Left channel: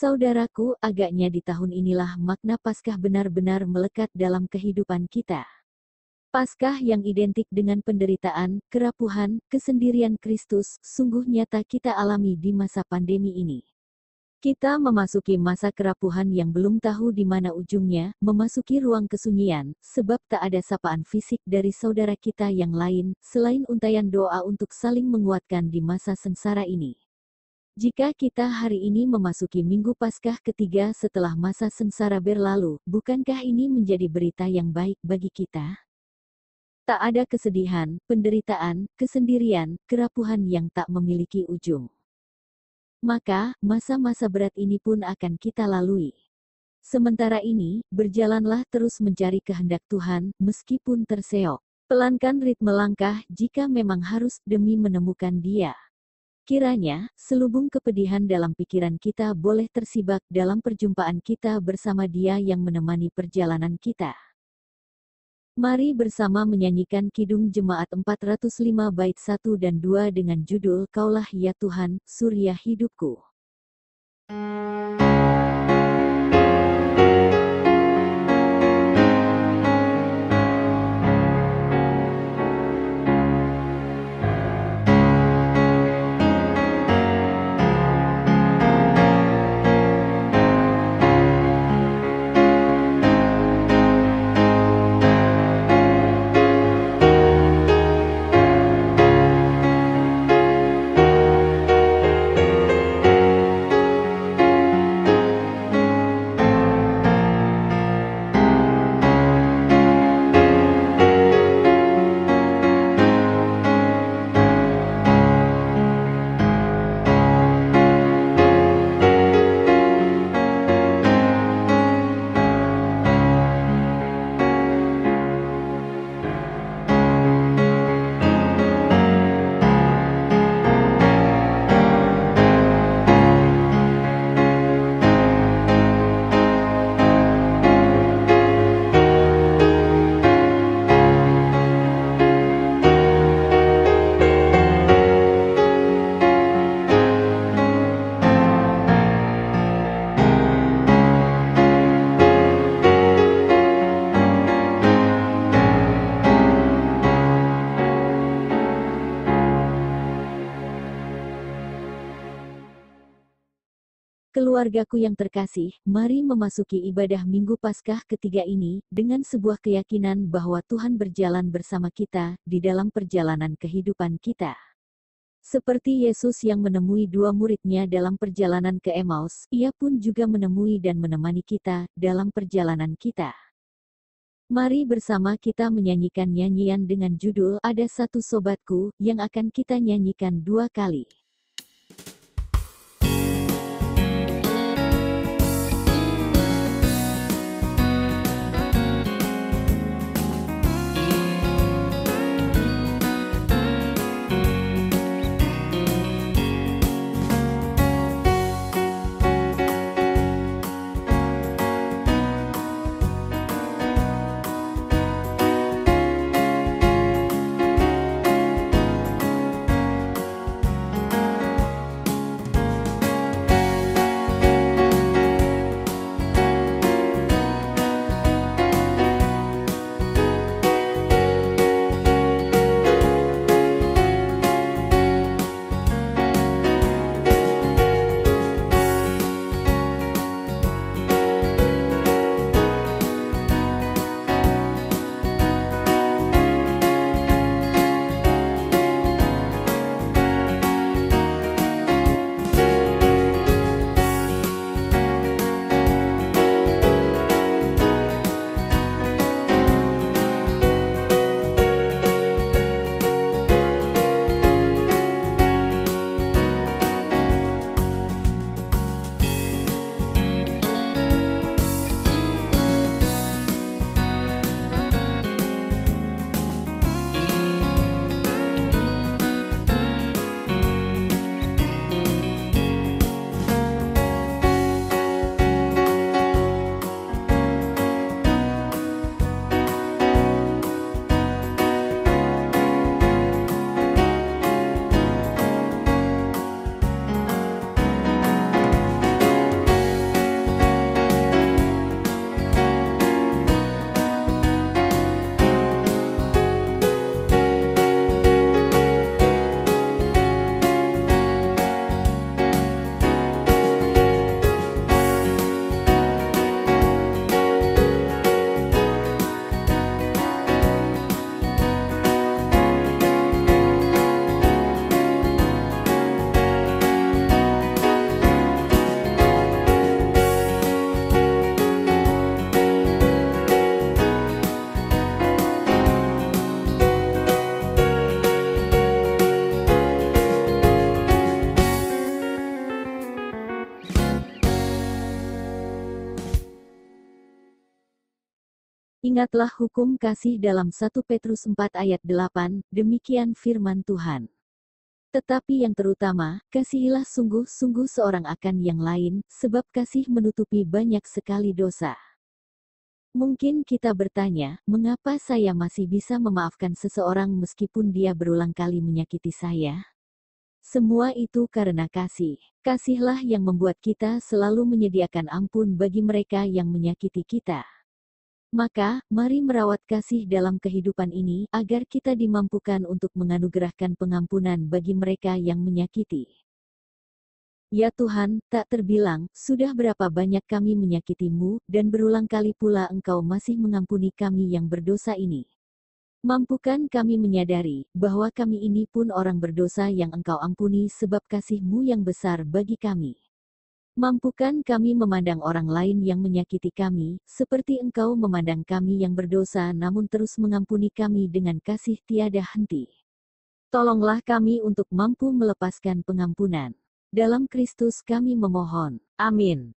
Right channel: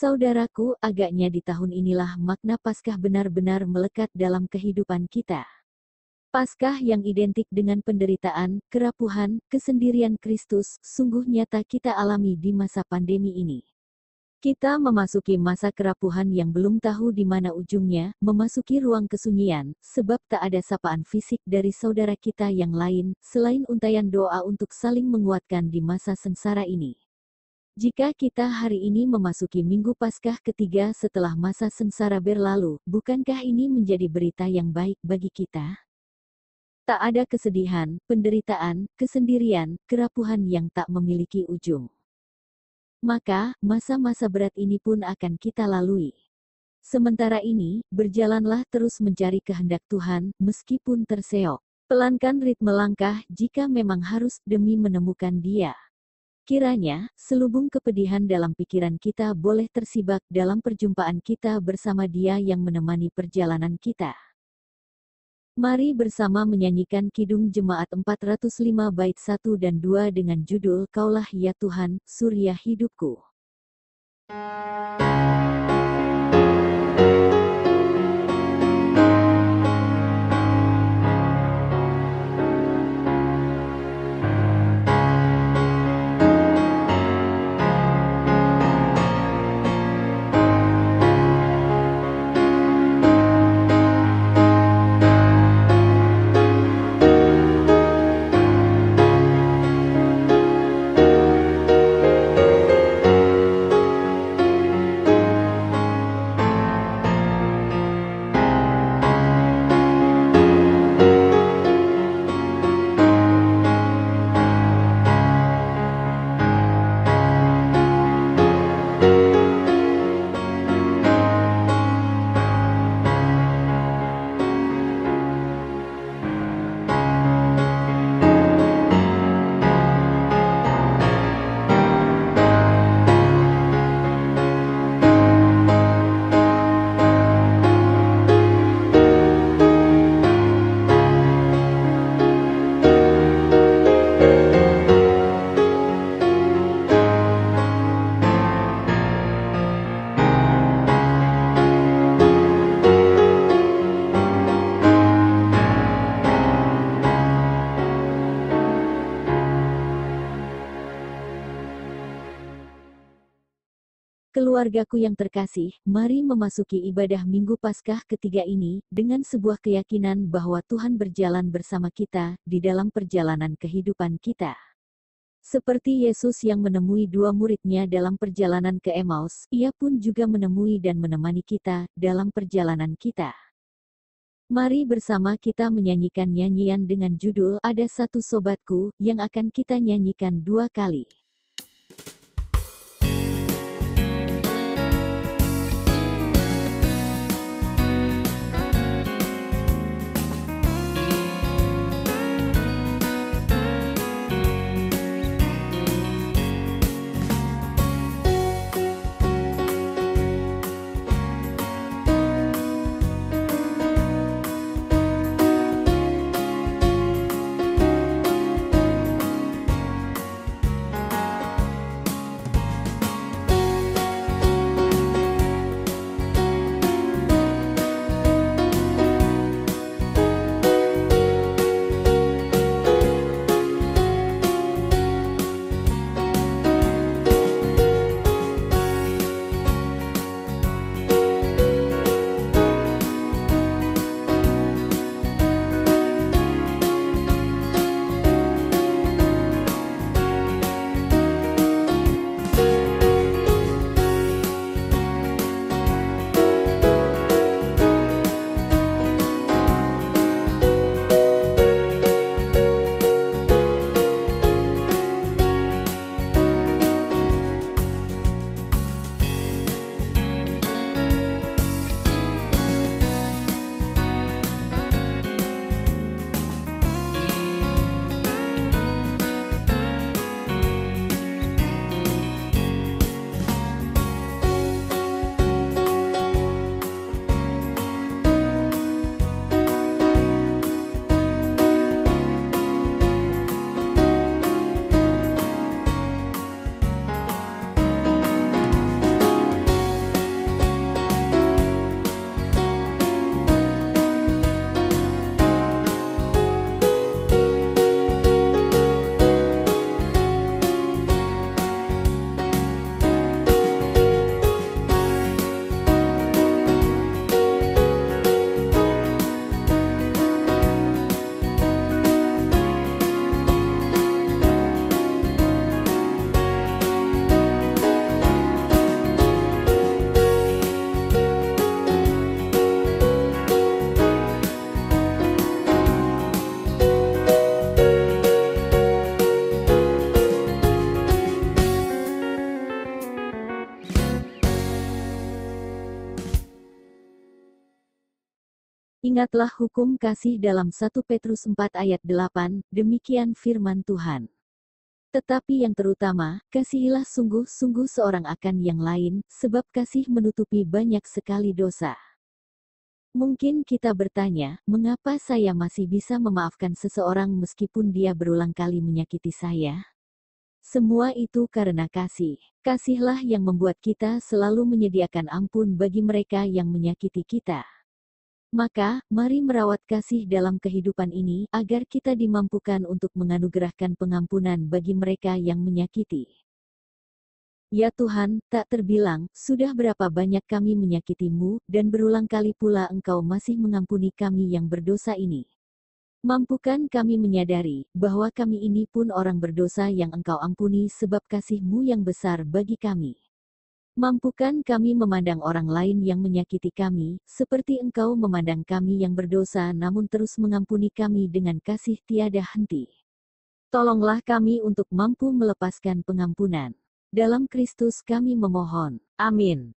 Saudaraku, agaknya di tahun inilah makna Paskah benar-benar melekat dalam kehidupan kita. Paskah yang identik dengan penderitaan, kerapuhan, kesendirian Kristus, sungguh nyata kita alami di masa pandemi ini. Kita memasuki masa kerapuhan yang belum tahu di mana ujungnya, memasuki ruang kesunyian, sebab tak ada sapaan fisik dari saudara kita yang lain, selain untaian doa untuk saling menguatkan di masa sengsara ini. Jika kita hari ini memasuki Minggu Paskah ketiga setelah masa sengsara berlalu, bukankah ini menjadi berita yang baik bagi kita? Tak ada kesedihan, penderitaan, kesendirian, kerapuhan yang tak memiliki ujung. Maka, masa-masa berat ini pun akan kita lalui. Sementara ini, berjalanlah terus mencari kehendak Tuhan, meskipun terseok. Pelankan ritme langkah jika memang harus demi menemukan Dia. Kiranya, selubung kepedihan dalam pikiran kita boleh tersibak dalam perjumpaan kita bersama Dia yang menemani perjalanan kita. Mari bersama menyanyikan Kidung Jemaat 405 bait 1 dan 2 dengan judul Kaulah ya Tuhan, Surya Hidupku. Keluargaku yang terkasih, mari memasuki ibadah Minggu Paskah ketiga ini, dengan sebuah keyakinan bahwa Tuhan berjalan bersama kita, di dalam perjalanan kehidupan kita. Seperti Yesus yang menemui dua muridnya dalam perjalanan ke Emmaus, Ia pun juga menemui dan menemani kita, dalam perjalanan kita. Mari bersama kita menyanyikan nyanyian dengan judul Ada Satu Sobatku, yang akan kita nyanyikan 2 kali. Ingatlah hukum kasih dalam 1 Petrus 4 ayat 8, demikian firman Tuhan. Tetapi yang terutama, kasihilah sungguh-sungguh seorang akan yang lain, sebab kasih menutupi banyak sekali dosa. Mungkin kita bertanya, mengapa saya masih bisa memaafkan seseorang meskipun dia berulang kali menyakiti saya? Semua itu karena kasih. Kasihlah yang membuat kita selalu menyediakan ampun bagi mereka yang menyakiti kita. Maka, mari merawat kasih dalam kehidupan ini, agar kita dimampukan untuk menganugerahkan pengampunan bagi mereka yang menyakiti. Ya Tuhan, tak terbilang, sudah berapa banyak kami menyakitimu, dan berulang kali pula Engkau masih mengampuni kami yang berdosa ini. Mampukan kami menyadari, bahwa kami ini pun orang berdosa yang Engkau ampuni sebab kasih-Mu yang besar bagi kami. Mampukan kami memandang orang lain yang menyakiti kami, seperti Engkau memandang kami yang berdosa namun terus mengampuni kami dengan kasih tiada henti. Tolonglah kami untuk mampu melepaskan pengampunan. Dalam Kristus kami memohon. Amin.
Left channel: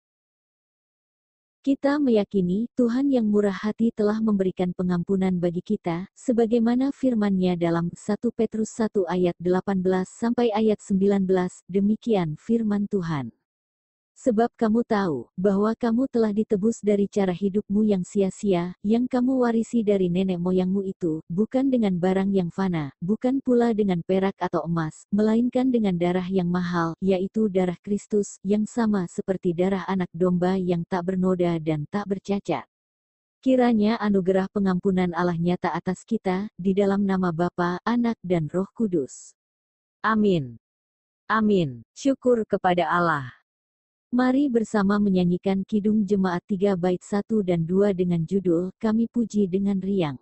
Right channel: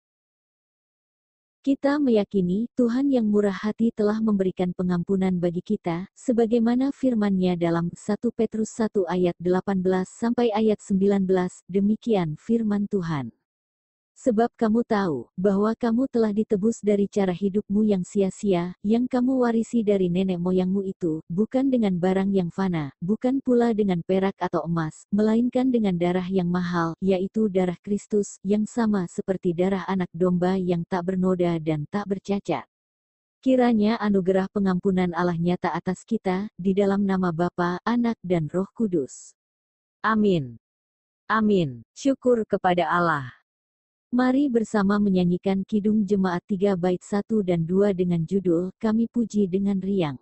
Kita meyakini Tuhan yang murah hati telah memberikan pengampunan bagi kita, sebagaimana firman-Nya dalam 1 Petrus 1 ayat 18 sampai ayat 19, demikian firman Tuhan. Sebab kamu tahu, bahwa kamu telah ditebus dari cara hidupmu yang sia-sia, yang kamu warisi dari nenek moyangmu itu, bukan dengan barang yang fana, bukan pula dengan perak atau emas, melainkan dengan darah yang mahal, yaitu darah Kristus, yang sama seperti darah anak domba yang tak bernoda dan tak bercacat. Kiranya anugerah pengampunan Allah nyata atas kita, di dalam nama Bapa, Anak dan Roh Kudus. Amin. Amin. Syukur kepada Allah. Mari bersama menyanyikan Kidung Jemaat 3 bait 1 dan 2 dengan judul, Kami Puji dengan Riang.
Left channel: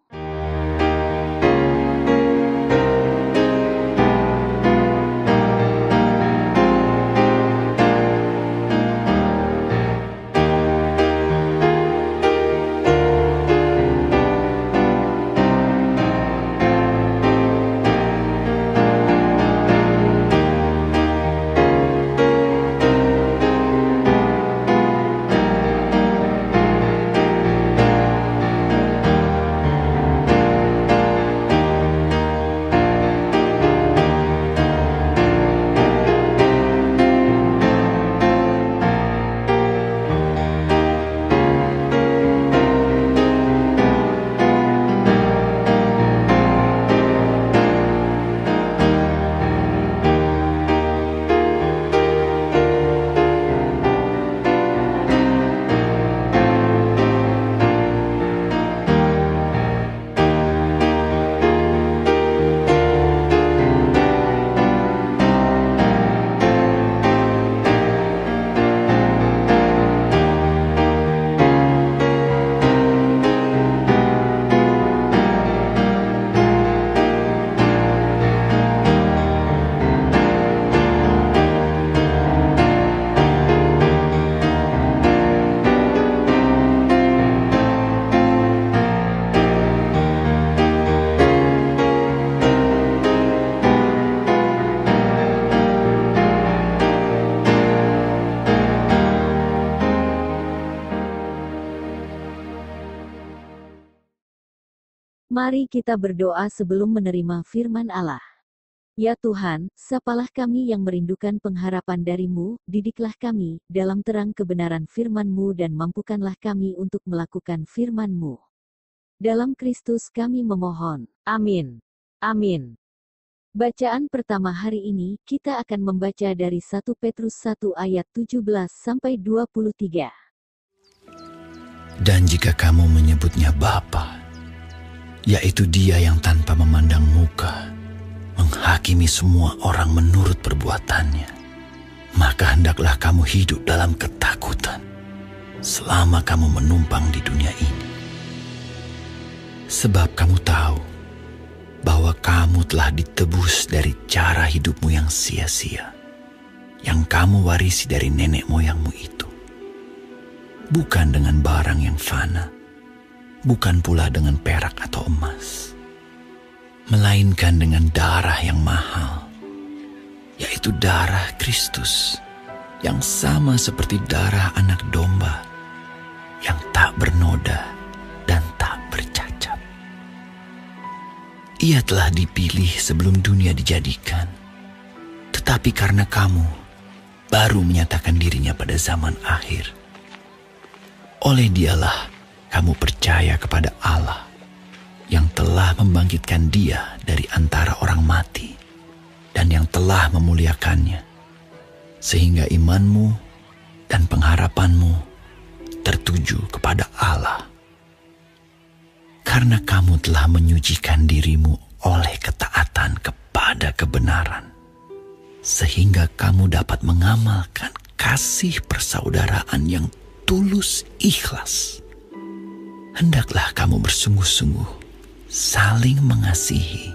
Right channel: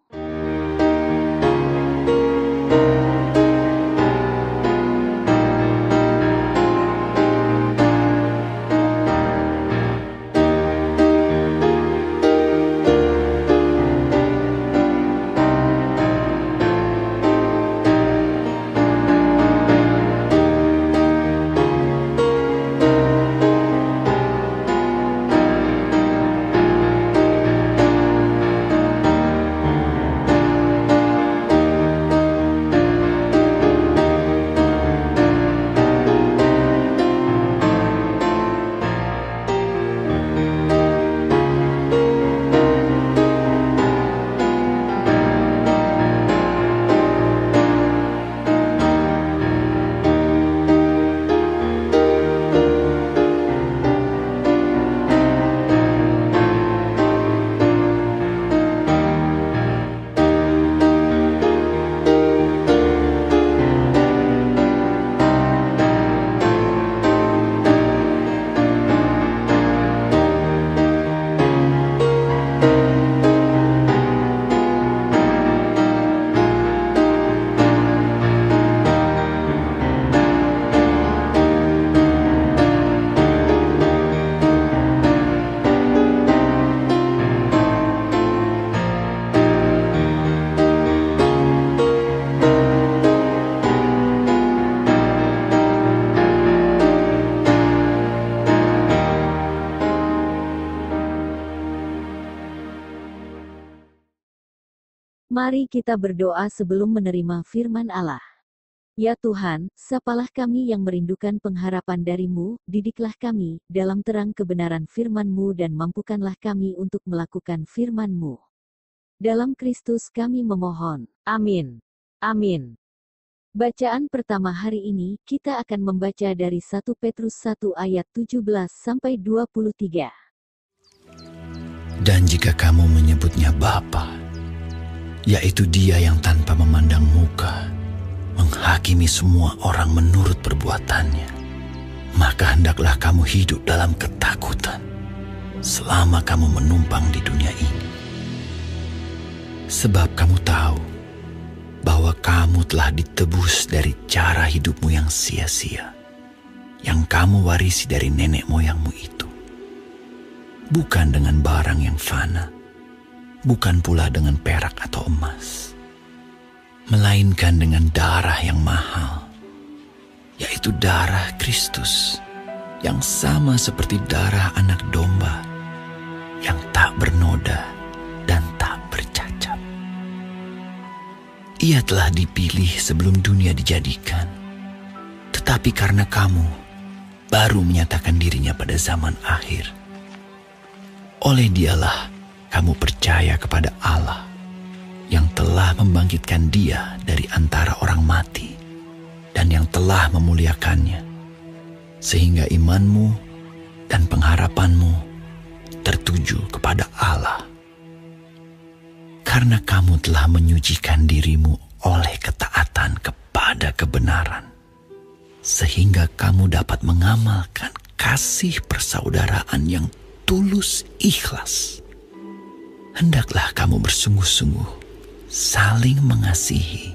Mari kita berdoa sebelum menerima firman Allah. Ya Tuhan, sapalah kami yang merindukan pengharapan dari-Mu, didiklah kami dalam terang kebenaran firman-Mu dan mampukanlah kami untuk melakukan firman-Mu. Dalam Kristus kami memohon. Amin. Amin. Bacaan pertama hari ini, kita akan membaca dari 1 Petrus 1 ayat 17-23. Dan jika kamu menyebutnya Bapa, yaitu Dia yang tanpa memandang muka, menghakimi semua orang menurut perbuatannya, maka hendaklah kamu hidup dalam ketakutan, selama kamu menumpang di dunia ini. Sebab kamu tahu, bahwa kamu telah ditebus dari cara hidupmu yang sia-sia, yang kamu warisi dari nenek moyangmu itu. Bukan dengan barang yang fana, bukan pula dengan perak atau emas, melainkan dengan darah yang mahal, yaitu darah Kristus, yang sama seperti darah anak domba, yang tak bernoda dan tak bercacat. Ia telah dipilih sebelum dunia dijadikan. Tetapi karena kamu baru menyatakan dirinya pada zaman akhir, oleh Dialah kamu percaya kepada Allah yang telah membangkitkan Dia dari antara orang mati dan yang telah memuliakannya, sehingga imanmu dan pengharapanmu tertuju kepada Allah. Karena kamu telah menyucikan dirimu oleh ketaatan kepada kebenaran, sehingga kamu dapat mengamalkan kasih persaudaraan yang tulus ikhlas. Hendaklah kamu bersungguh-sungguh saling mengasihi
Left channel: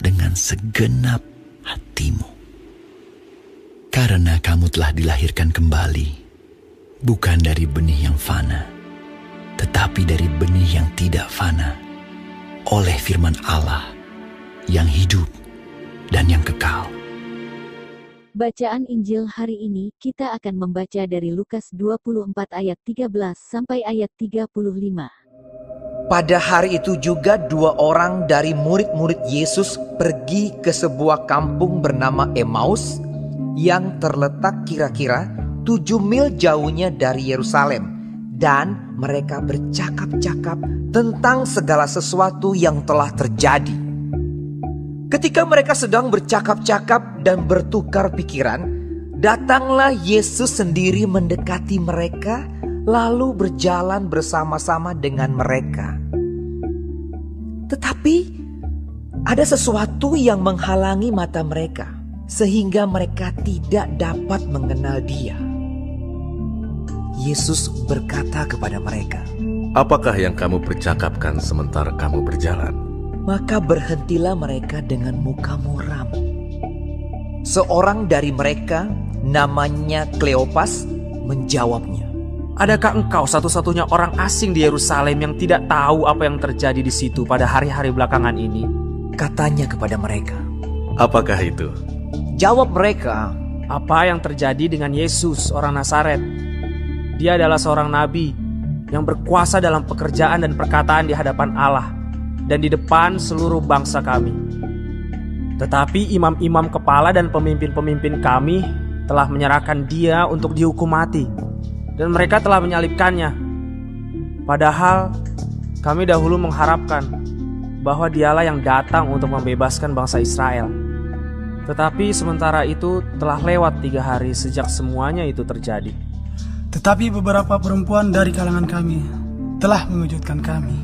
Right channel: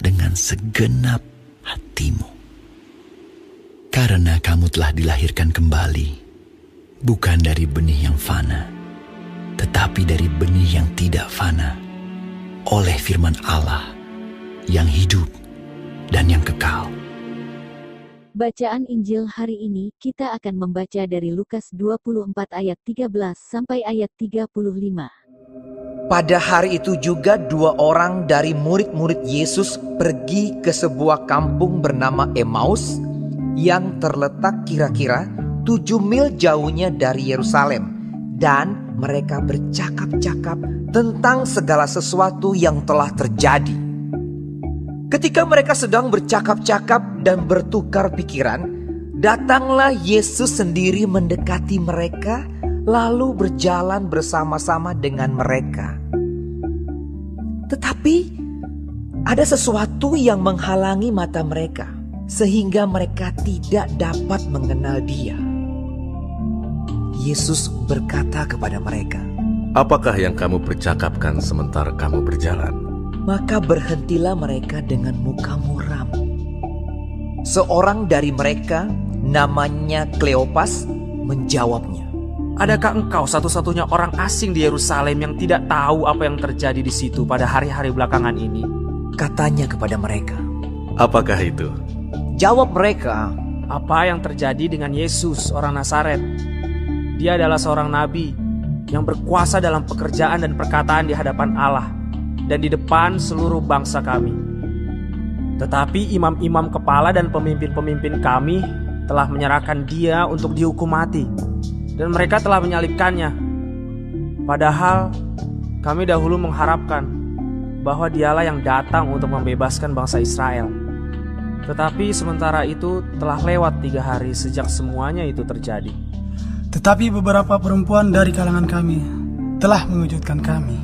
dengan segenap hatimu. Karena kamu telah dilahirkan kembali, bukan dari benih yang fana, tetapi dari benih yang tidak fana, oleh firman Allah yang hidup dan yang kekal. Bacaan Injil hari ini kita akan membaca dari Lukas 24 ayat 13 sampai ayat 35. Pada hari itu juga 2 orang dari murid-murid Yesus pergi ke sebuah kampung bernama Emmaus yang terletak kira-kira 7 mil jauhnya dari Yerusalem, dan mereka bercakap-cakap tentang segala sesuatu yang telah terjadi. Ketika mereka sedang bercakap-cakap dan bertukar pikiran, datanglah Yesus sendiri mendekati mereka, lalu berjalan bersama-sama dengan mereka. Tetapi ada sesuatu yang menghalangi mata mereka, sehingga mereka tidak dapat mengenal Dia. Yesus berkata kepada mereka, "Apakah yang kamu percakapkan sementara kamu berjalan?" Maka berhentilah mereka dengan muka muram. Seorang dari mereka, namanya Kleopas, menjawabnya, "Adakah engkau satu-satunya orang asing di Yerusalem yang tidak tahu apa yang terjadi di situ pada hari-hari belakangan ini?" Katanya kepada mereka. "Apakah itu?" Jawab mereka, "Apa yang terjadi dengan Yesus, orang Nazaret? Dia adalah seorang nabi yang berkuasa dalam pekerjaan dan perkataan di hadapan Allah dan di depan seluruh bangsa kami. Tetapi imam-imam kepala dan pemimpin-pemimpin kami telah menyerahkan Dia untuk dihukum mati, dan mereka telah menyalibkannya. Padahal kami dahulu mengharapkan bahwa Dialah yang datang untuk membebaskan bangsa Israel. Tetapi sementara itu telah lewat 3 hari sejak semuanya itu terjadi. Tetapi beberapa perempuan dari kalangan kami telah mengejutkan kami.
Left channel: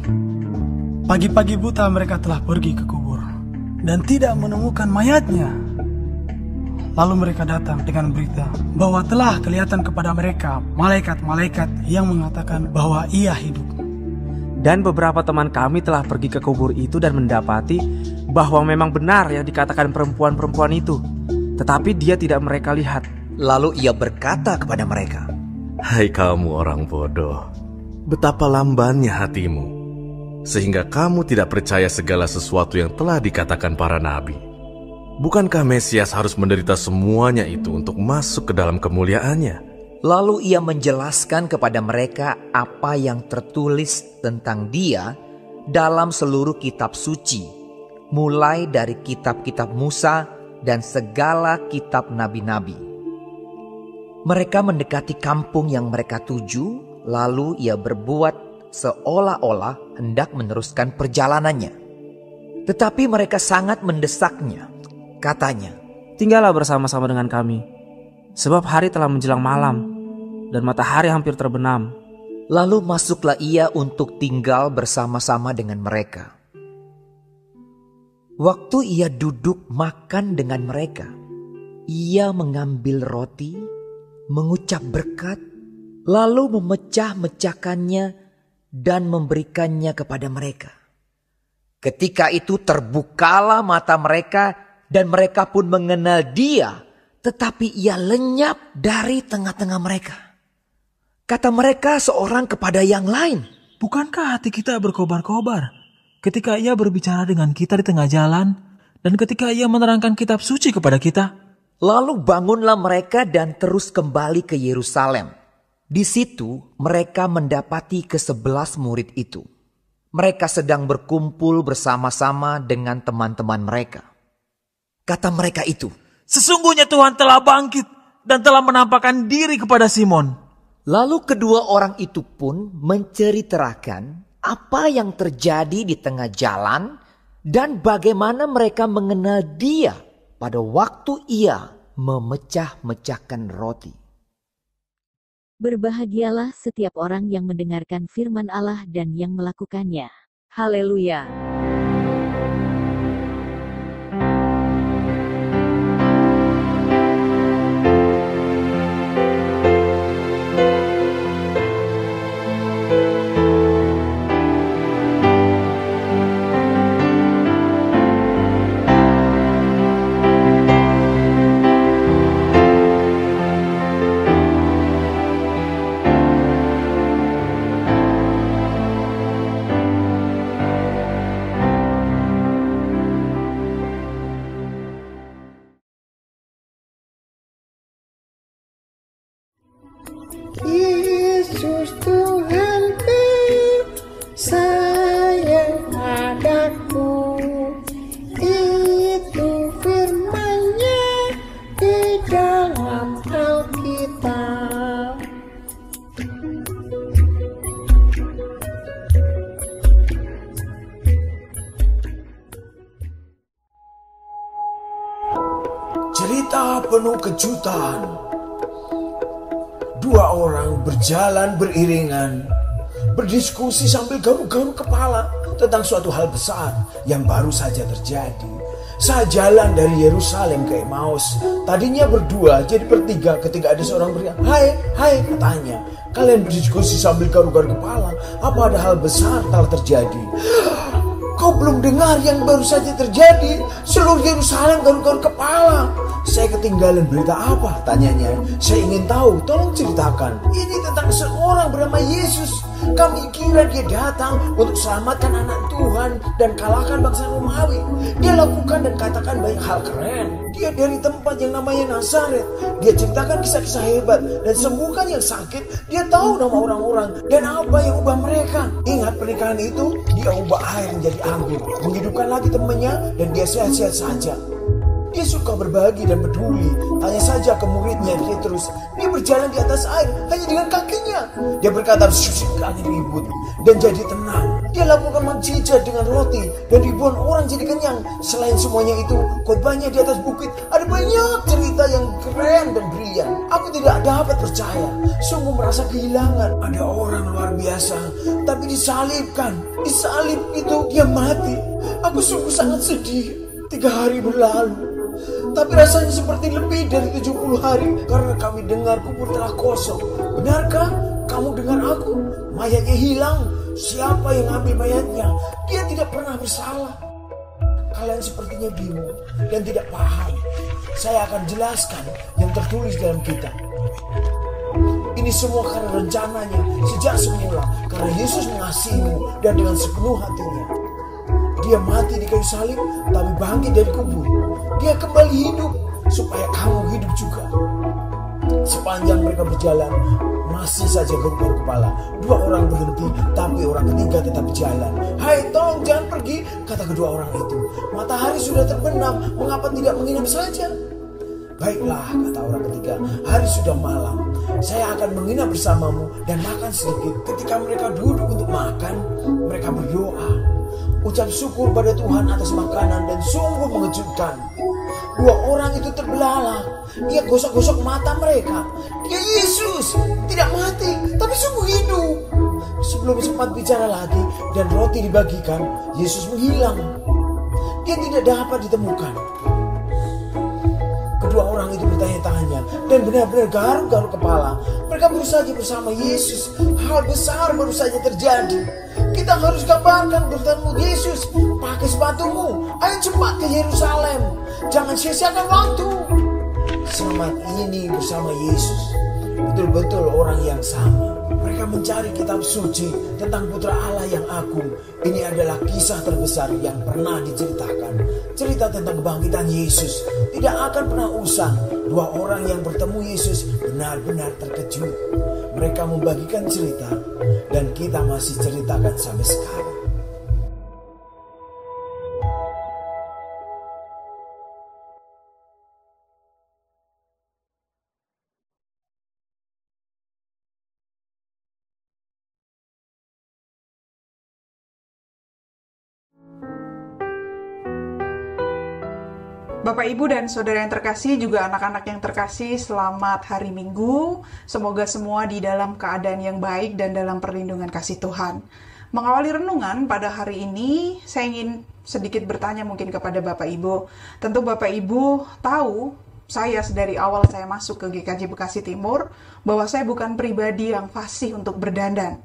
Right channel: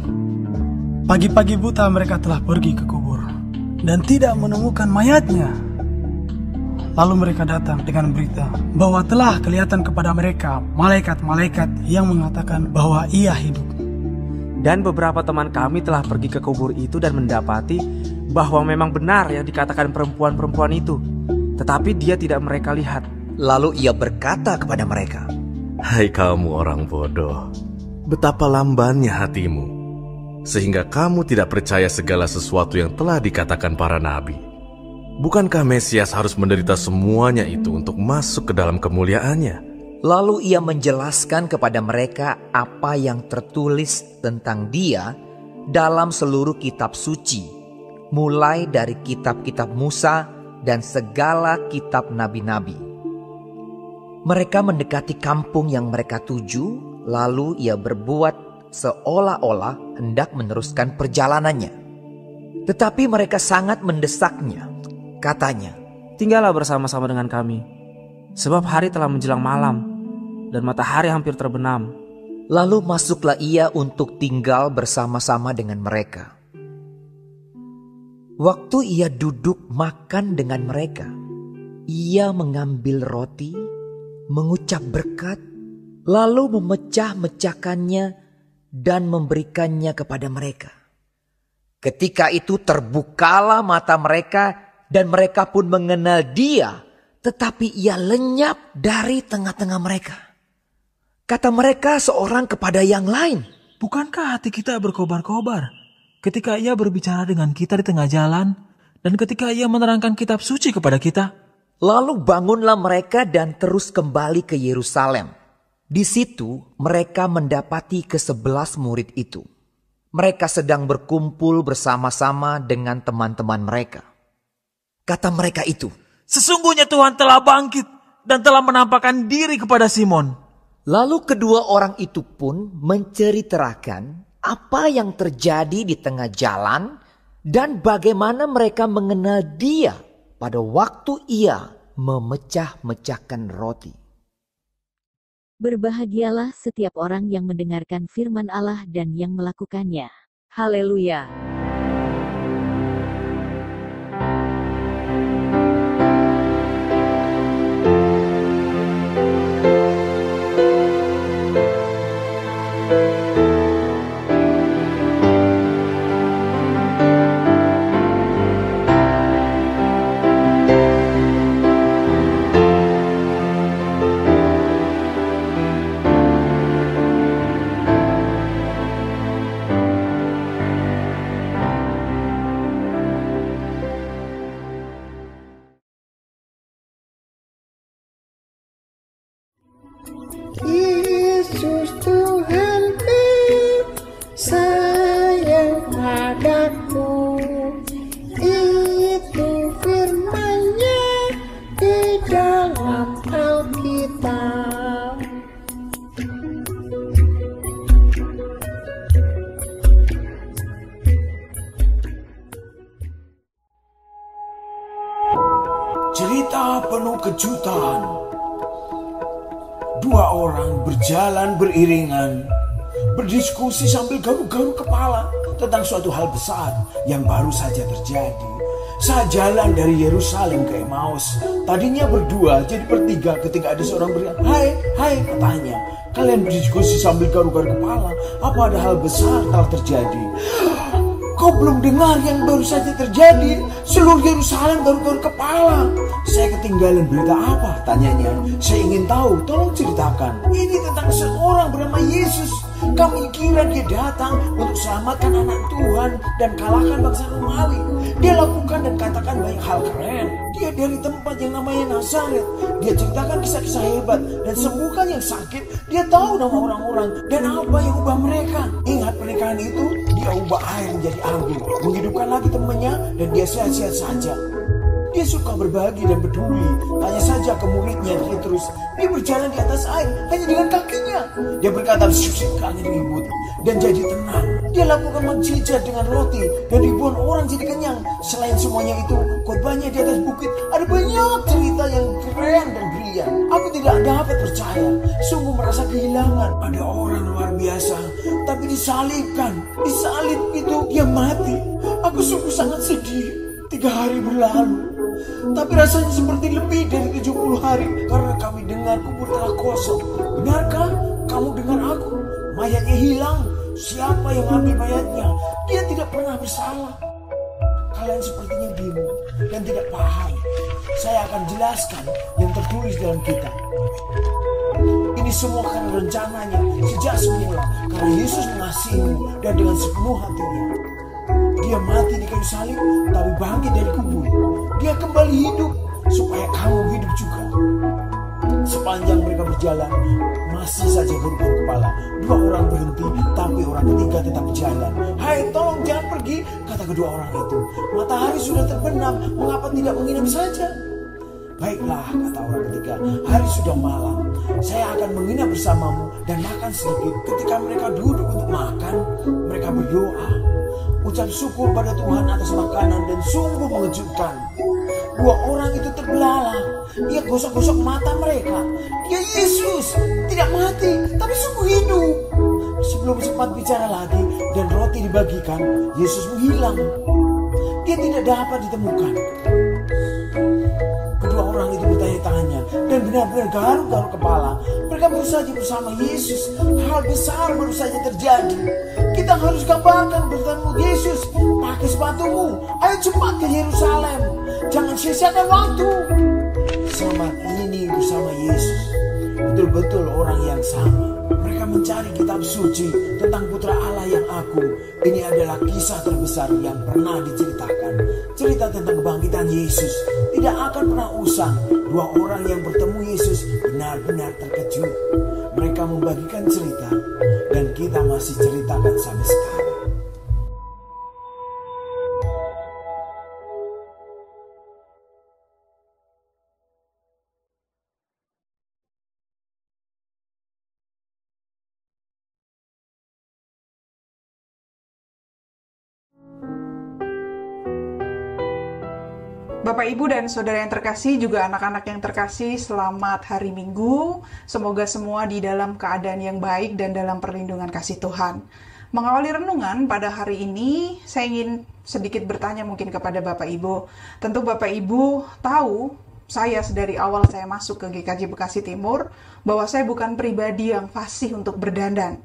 Pagi-pagi buta mereka telah pergi ke kubur dan tidak menemukan mayatnya. Lalu mereka datang dengan berita bahwa telah kelihatan kepada mereka malaikat-malaikat yang mengatakan bahwa Ia hidup. Dan beberapa teman kami telah pergi ke kubur itu dan mendapati bahwa memang benar yang dikatakan perempuan-perempuan itu, tetapi Dia tidak mereka lihat." Lalu Ia berkata kepada mereka, "Hai kamu orang bodoh, betapa lambannya hatimu, sehingga kamu tidak percaya segala sesuatu yang telah dikatakan para nabi. Bukankah Mesias harus menderita semuanya itu untuk masuk ke dalam kemuliaannya?" Lalu Ia menjelaskan kepada mereka apa yang tertulis tentang Dia dalam seluruh kitab suci, mulai dari kitab-kitab Musa dan segala kitab nabi-nabi. Mereka mendekati kampung yang mereka tuju, lalu Ia berbuat seolah-olah hendak meneruskan perjalanannya. Tetapi mereka sangat mendesaknya. Katanya, "Tinggallah bersama-sama dengan kami, sebab hari telah menjelang malam dan matahari hampir terbenam." Lalu masuklah Ia untuk tinggal bersama-sama dengan mereka. Waktu Ia duduk makan dengan mereka, Ia mengambil roti, mengucap berkat, lalu memecah-mecahkannya dan memberikannya kepada mereka. Ketika itu terbukalah mata mereka dan mereka pun mengenal Dia, tetapi Ia lenyap dari tengah-tengah mereka. Kata mereka seorang kepada yang lain, Bukankah hati kita berkobar-kobar ketika Ia berbicara dengan kita di tengah jalan dan ketika Ia menerangkan kitab suci kepada kita? Lalu bangunlah mereka dan terus kembali ke Yerusalem. Di situ mereka mendapati ke-11 murid itu. Mereka sedang berkumpul bersama-sama dengan teman-teman mereka. Kata mereka itu, "Sesungguhnya Tuhan telah bangkit dan telah menampakkan diri kepada Simon." Lalu kedua orang itu pun menceritakan apa yang terjadi di tengah jalan dan bagaimana mereka mengenal dia pada waktu ia memecah-mecahkan roti. Berbahagialah setiap orang yang mendengarkan firman Allah dan yang melakukannya. Haleluya! Yesus Tuhanku sayang padaku, itu firman-Nya di dalam Alkitab. Cerita penuh kejutan. Dua orang berjalan beriringan, berdiskusi sambil garuk-garuk kepala tentang suatu hal besar yang baru saja terjadi. Saat jalan dari Yerusalem ke Emmaus, tadinya berdua jadi bertiga ketika ada seorang berkata, Hai, katanya, kalian berdiskusi sambil garuk-garuk kepala, apa ada hal besar telah terjadi? Kau belum dengar yang baru saja terjadi? Seluruh Yerusalem garuk-garuk kepala. Saya ketinggalan berita apa? Tanyanya. Saya ingin tahu, tolong ceritakan. Ini tentang seorang bernama Yesus. Kami kira dia datang untuk selamatkan anak Tuhan dan kalahkan bangsa Romawi. Dia lakukan dan katakan banyak hal keren. Dia dari tempat yang namanya Nazaret. Dia ceritakan kisah-kisah hebat dan sembuhkan yang sakit. Dia tahu nama orang-orang dan apa yang ubah mereka. Ingat pernikahan itu, dia ubah air menjadi anggur, menghidupkan lagi temannya dan dia sehat-sehat saja. Dia suka berbagi dan peduli. Tanya saja ke muridnya Petrus. Dia berjalan di atas air hanya dengan kakinya. Dia berkata, angin ribut dan jadi tenang. Dia lakukan mukjizat dengan roti dan ribuan orang jadi kenyang. Selain semuanya itu, khotbahnya di atas bukit ada banyak cerita yang keren dan brilian. Aku tidak dapat percaya, sungguh merasa kehilangan. Ada orang luar biasa, tapi disalibkan. Disalib itu dia mati. Aku sungguh sangat sedih. 3 hari berlalu, tapi rasanya seperti lebih dari 70 hari karena kami dengar kubur telah kosong. Benarkah kamu dengar aku? Mayatnya hilang. Siapa yang ambil mayatnya? Dia tidak pernah bersalah. Kalian sepertinya bingung dan tidak paham. Saya akan jelaskan yang tertulis dalam kitab. Ini semua karena rencananya sejak semula, karena Yesus mengasihimu dan dengan sepenuh hatinya. Dia mati di kayu salib, tapi bangkit dari kubur. Dia kembali hidup, supaya kamu hidup juga. Sepanjang mereka berjalan, masih saja garuk-garuk kepala. 2 orang berhenti, tapi orang ketiga tetap jalan. Hai, tolong jangan pergi, kata kedua orang itu. Matahari sudah terbenam, mengapa tidak menginap saja? Baiklah, kata orang ketiga, hari sudah malam. Saya akan menginap bersamamu dan makan sedikit. Ketika mereka duduk untuk makan, mereka berdoa. Ucap syukur pada Tuhan atas makanan dan sungguh mengejutkan. 2 orang itu terbelalak. Ia gosok-gosok mata mereka. Dia Yesus, tidak mati, tapi sungguh hidup. Sebelum sempat bicara lagi dan roti dibagikan, Yesus menghilang. Dia tidak dapat ditemukan. Kedua orang itu bertanya-tanya dan benar-benar garuk-garuk kepala. Mereka berusaha bersama Yesus. Hal besar baru saja terjadi. Kita harus kabarkan bertemu Yesus. Pakai sepatumu. Ayo cepat ke Yerusalem. Jangan sia-siakan waktu. Selamat ini bersama Yesus. Betul-betul orang yang sama. Mereka mencari kitab suci tentang Putra Allah yang agung. Ini adalah kisah terbesar yang pernah diceritakan. Cerita tentang kebangkitan Yesus tidak akan pernah usang. 2 orang yang bertemu Yesus benar-benar terkejut. Mereka membagikan cerita dan kita masih ceritakan sampai sekarang. Bapak, Ibu, dan Saudara yang terkasih, juga anak-anak yang terkasih, selamat hari Minggu. Semoga semua di dalam keadaan yang baik dan dalam perlindungan kasih Tuhan. Mengawali renungan pada hari ini, saya ingin sedikit bertanya mungkin kepada Bapak Ibu. Tentu Bapak Ibu tahu, saya dari awal saya masuk ke GKJ Bekasi Timur, bahwa saya bukan pribadi yang fasih untuk berdandan.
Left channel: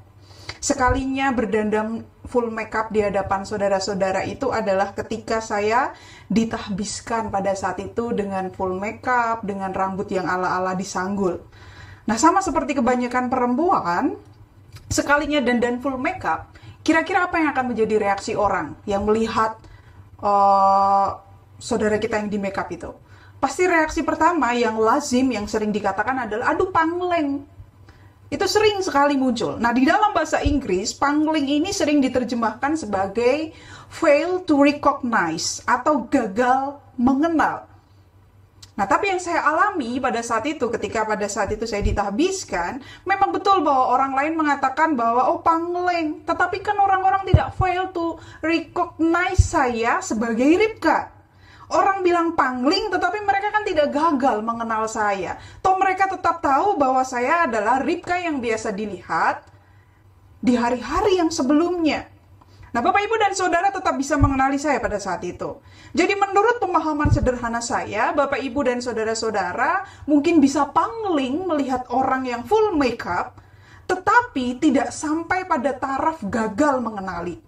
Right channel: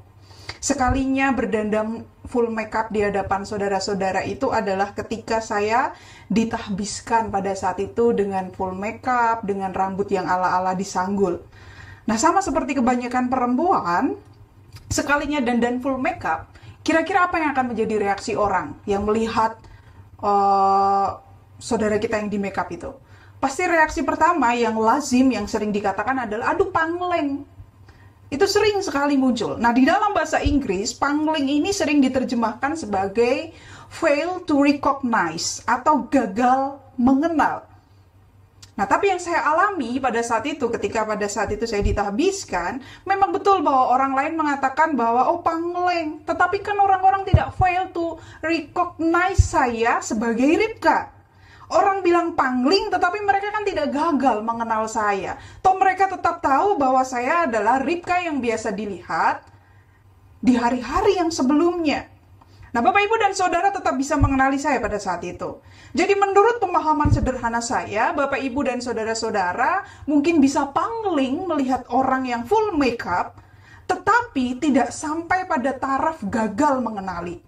Sekalinya berdandan full makeup di hadapan saudara-saudara itu adalah ketika saya ditahbiskan pada saat itu dengan full makeup, dengan rambut yang ala-ala disanggul. Nah, sama seperti kebanyakan perempuan, sekalinya dandan full makeup, kira-kira apa yang akan menjadi reaksi orang yang melihat saudara kita yang di makeup itu? Pasti reaksi pertama yang lazim, yang sering dikatakan adalah, aduh pangleng. Itu sering sekali muncul. Nah, di dalam bahasa Inggris, pangling ini sering diterjemahkan sebagai fail to recognize atau gagal mengenal. Nah, tapi yang saya alami pada saat itu, ketika pada saat itu saya ditahbiskan, memang betul bahwa orang lain mengatakan bahwa, oh pangleng. Tetapi kan orang-orang tidak fail to recognize saya sebagai Ribka. Orang bilang pangling, tetapi mereka kan tidak gagal mengenal saya. Toh mereka tetap tahu bahwa saya adalah Ribka yang biasa dilihat di hari-hari yang sebelumnya. Nah, Bapak, Ibu, dan Saudara tetap bisa mengenali saya pada saat itu. Jadi menurut pemahaman sederhana saya, Bapak, Ibu, dan Saudara-saudara mungkin bisa pangling melihat orang yang full makeup, tetapi tidak sampai pada taraf gagal mengenali.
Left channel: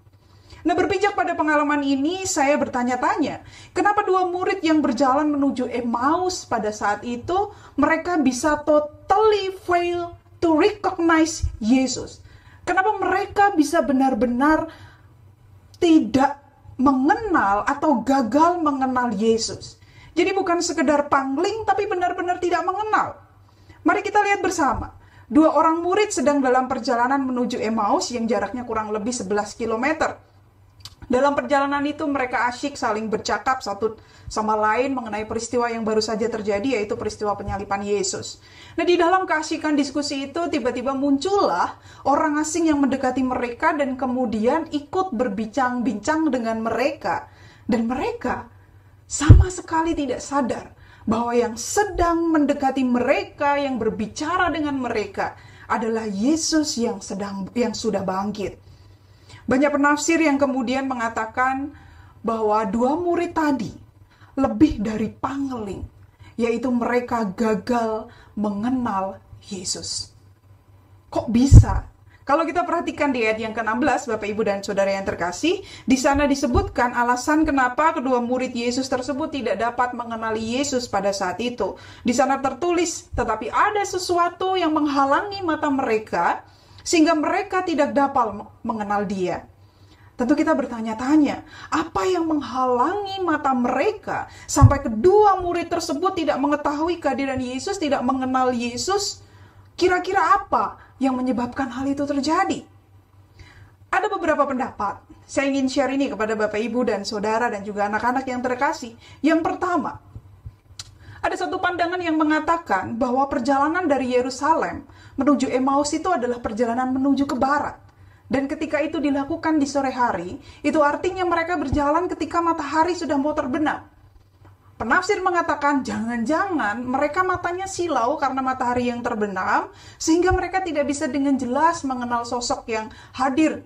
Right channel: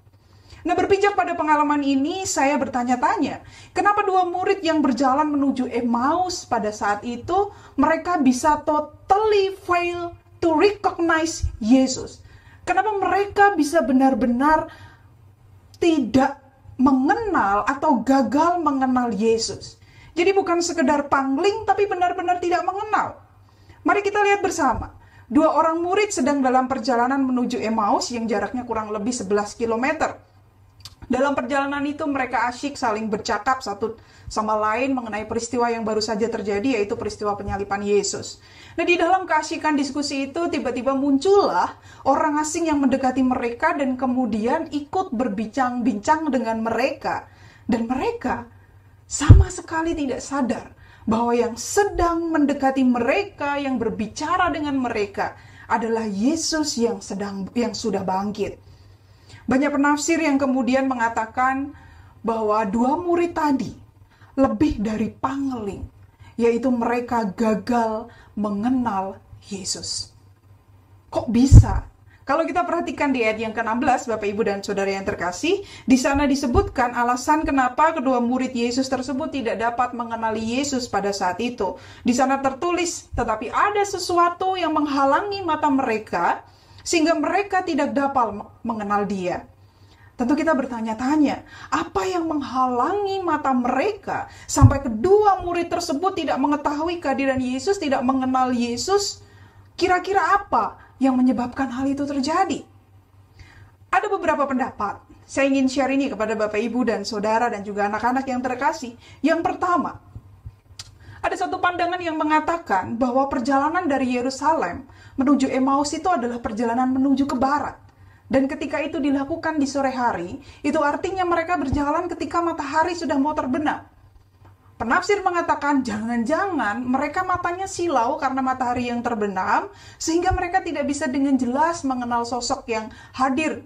Nah, berpijak pada pengalaman ini, saya bertanya-tanya, kenapa dua murid yang berjalan menuju Emmaus pada saat itu, mereka bisa totally fail to recognize Yesus? Kenapa mereka bisa benar-benar tidak mengenal atau gagal mengenal Yesus? Jadi bukan sekedar pangling, tapi benar-benar tidak mengenal. Mari kita lihat bersama. Dua orang murid sedang dalam perjalanan menuju Emmaus yang jaraknya kurang lebih 11 km. Dalam perjalanan itu mereka asyik saling bercakap satu sama lain mengenai peristiwa yang baru saja terjadi, yaitu peristiwa penyaliban Yesus. Nah, di dalam keasyikan diskusi itu tiba-tiba muncullah orang asing yang mendekati mereka dan kemudian ikut berbincang-bincang dengan mereka. Dan mereka sama sekali tidak sadar bahwa yang sedang mendekati mereka, yang berbicara dengan mereka adalah Yesus yang sudah bangkit. Banyak penafsir yang kemudian mengatakan bahwa dua murid tadi lebih dari pangling, yaitu mereka gagal mengenal Yesus. Kok bisa? Kalau kita perhatikan di ayat yang ke-16, Bapak, Ibu, dan Saudara yang terkasih, di sana disebutkan alasan kenapa kedua murid Yesus tersebut tidak dapat mengenali Yesus pada saat itu. Di sana tertulis, tetapi ada sesuatu yang menghalangi mata mereka, sehingga mereka tidak dapat mengenal Dia. Tentu kita bertanya-tanya, apa yang menghalangi mata mereka sampai kedua murid tersebut tidak mengetahui kehadiran Yesus, tidak mengenal Yesus? Kira-kira apa yang menyebabkan hal itu terjadi? Ada beberapa pendapat. Saya ingin share ini kepada Bapak, Ibu, dan Saudara, dan juga anak-anak yang terkasih. Yang pertama, ada satu pandangan yang mengatakan bahwa perjalanan dari Yerusalem menuju Emmaus itu adalah perjalanan menuju ke barat. Dan ketika itu dilakukan di sore hari, itu artinya mereka berjalan ketika matahari sudah mau terbenam. Penafsir mengatakan jangan-jangan mereka matanya silau karena matahari yang terbenam, sehingga mereka tidak bisa dengan jelas mengenal sosok yang hadir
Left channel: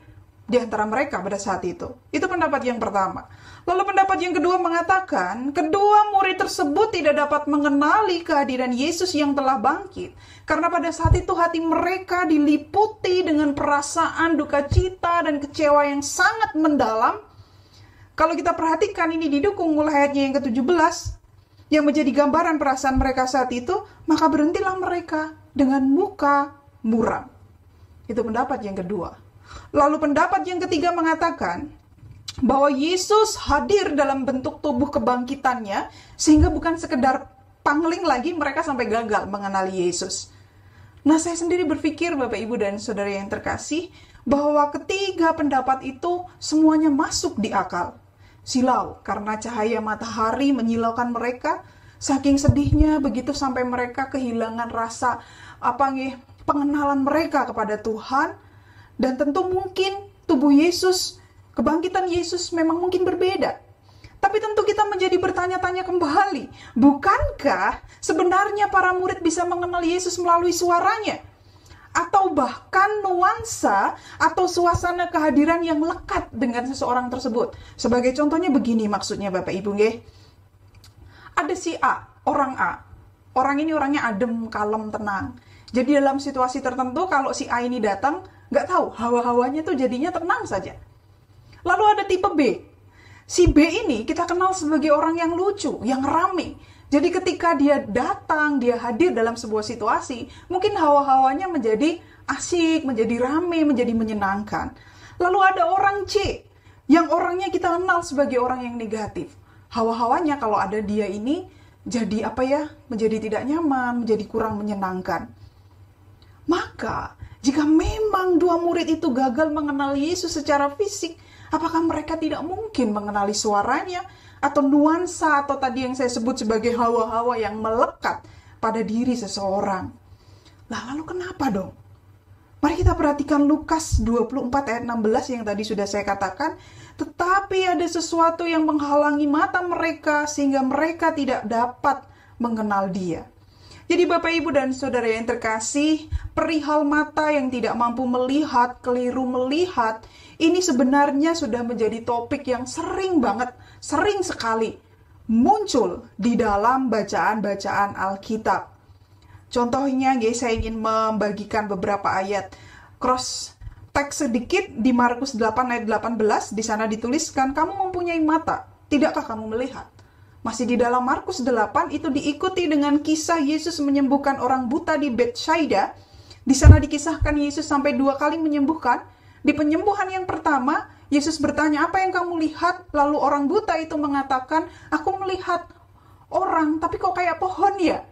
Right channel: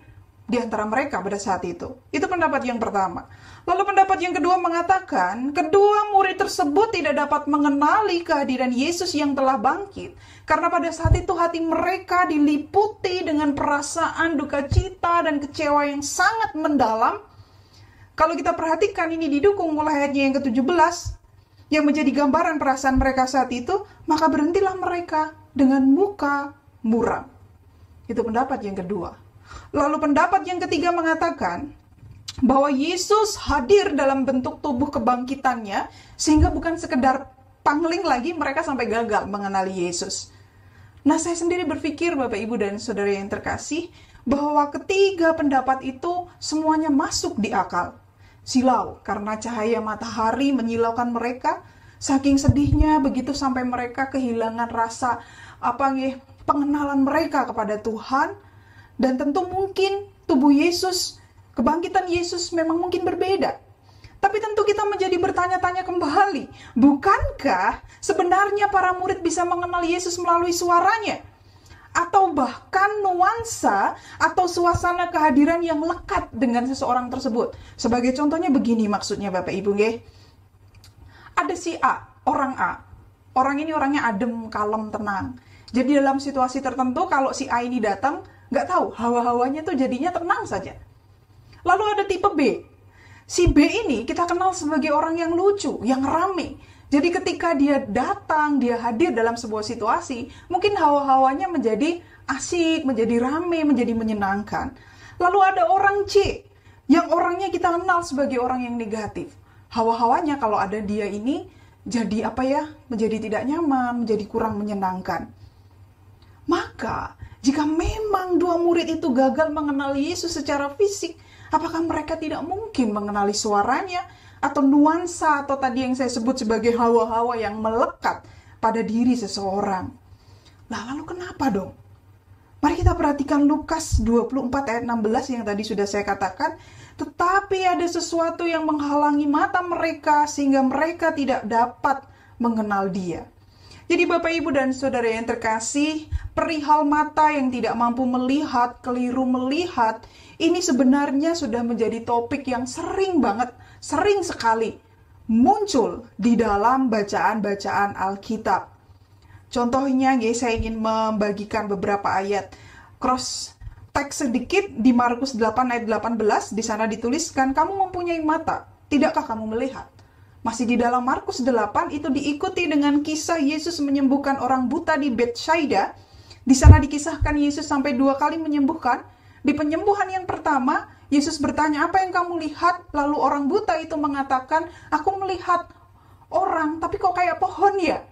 di antara mereka pada saat itu. Itu pendapat yang pertama. Lalu pendapat yang kedua mengatakan, kedua murid tersebut tidak dapat mengenali kehadiran Yesus yang telah bangkit. Karena pada saat itu hati mereka diliputi dengan perasaan duka cita dan kecewa yang sangat mendalam. Kalau kita perhatikan ini didukung mulai ayatnya yang ke-17, yang menjadi gambaran perasaan mereka saat itu, maka berhentilah mereka dengan muka muram. Itu pendapat yang kedua. Lalu pendapat yang ketiga mengatakan, bahwa Yesus hadir dalam bentuk tubuh kebangkitannya, sehingga bukan sekedar pangling lagi mereka sampai gagal mengenali Yesus. Nah, saya sendiri berpikir, Bapak, Ibu, dan Saudara yang terkasih, bahwa ketiga pendapat itu semuanya masuk di akal. Silau, karena cahaya matahari menyilaukan mereka, saking sedihnya begitu sampai mereka kehilangan rasa pengenalan mereka kepada Tuhan, dan tentu mungkin tubuh Yesus, kebangkitan Yesus memang mungkin berbeda. Tapi tentu kita menjadi bertanya-tanya kembali, bukankah sebenarnya para murid bisa mengenal Yesus melalui suaranya? Atau bahkan nuansa atau suasana kehadiran yang lekat dengan seseorang tersebut. Sebagai contohnya begini maksudnya Bapak Ibu nggih. Ada si A, orang A. Orang ini orangnya adem, kalem, tenang. Jadi dalam situasi tertentu kalau si A ini datang, nggak tahu, hawa-hawanya tuh jadinya tenang saja. Lalu ada tipe B. Si B ini kita kenal sebagai orang yang lucu, yang rame. Jadi ketika dia datang, dia hadir dalam sebuah situasi, mungkin hawa-hawanya menjadi asik, menjadi rame, menjadi menyenangkan. Lalu ada orang C, yang orangnya kita kenal sebagai orang yang negatif. Hawa-hawanya kalau ada dia ini, jadi menjadi tidak nyaman, menjadi kurang menyenangkan. Maka, jika memang dua murid itu gagal mengenal Yesus secara fisik, apakah mereka tidak mungkin mengenali suaranya atau nuansa atau tadi yang saya sebut sebagai hawa-hawa yang melekat pada diri seseorang? Nah, lalu kenapa dong? Mari kita perhatikan Lukas 24 ayat 16 yang tadi sudah saya katakan. Tetapi ada sesuatu yang menghalangi mata mereka sehingga mereka tidak dapat mengenal Dia. Jadi Bapak Ibu dan Saudara yang terkasih, perihal mata yang tidak mampu melihat, keliru melihat, ini sebenarnya sudah menjadi topik yang sering sekali muncul di dalam bacaan-bacaan Alkitab. Contohnya, saya ingin membagikan beberapa ayat cross teks sedikit di Markus 8 ayat 18, di sana dituliskan, kamu mempunyai mata, tidakkah kamu melihat? Masih di dalam Markus 8 itu diikuti dengan kisah Yesus menyembuhkan orang buta di Betsaida. Di sana dikisahkan Yesus sampai 2 kali menyembuhkan. Di penyembuhan yang pertama, Yesus bertanya, apa yang kamu lihat? Lalu orang buta itu mengatakan, aku melihat orang, tapi kok kayak pohon ya?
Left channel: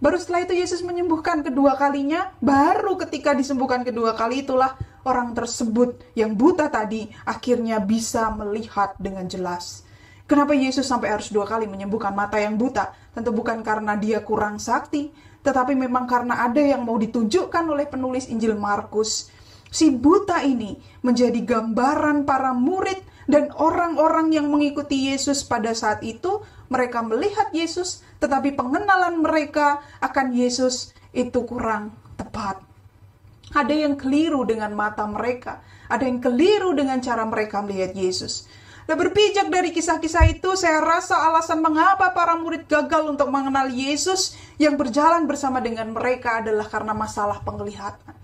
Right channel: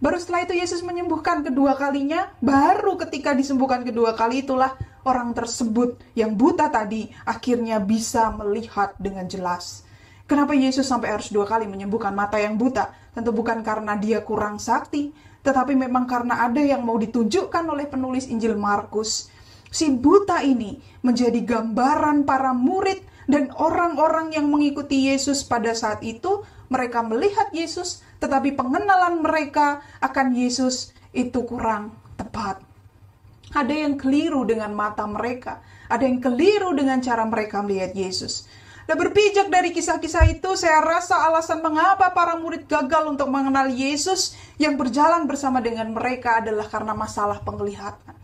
Baru setelah itu Yesus menyembuhkan kedua kalinya, baru ketika disembuhkan kedua kali itulah orang tersebut yang buta tadi akhirnya bisa melihat dengan jelas. Kenapa Yesus sampai harus 2 kali menyembuhkan mata yang buta? Tentu bukan karena dia kurang sakti, tetapi memang karena ada yang mau ditunjukkan oleh penulis Injil Markus. Si buta ini menjadi gambaran para murid dan orang-orang yang mengikuti Yesus pada saat itu. Mereka melihat Yesus, tetapi pengenalan mereka akan Yesus itu kurang tepat. Ada yang keliru dengan mata mereka, ada yang keliru dengan cara mereka melihat Yesus. Dan berpijak dari kisah-kisah itu, saya rasa alasan mengapa para murid gagal untuk mengenal Yesus yang berjalan bersama dengan mereka adalah karena masalah penglihatan.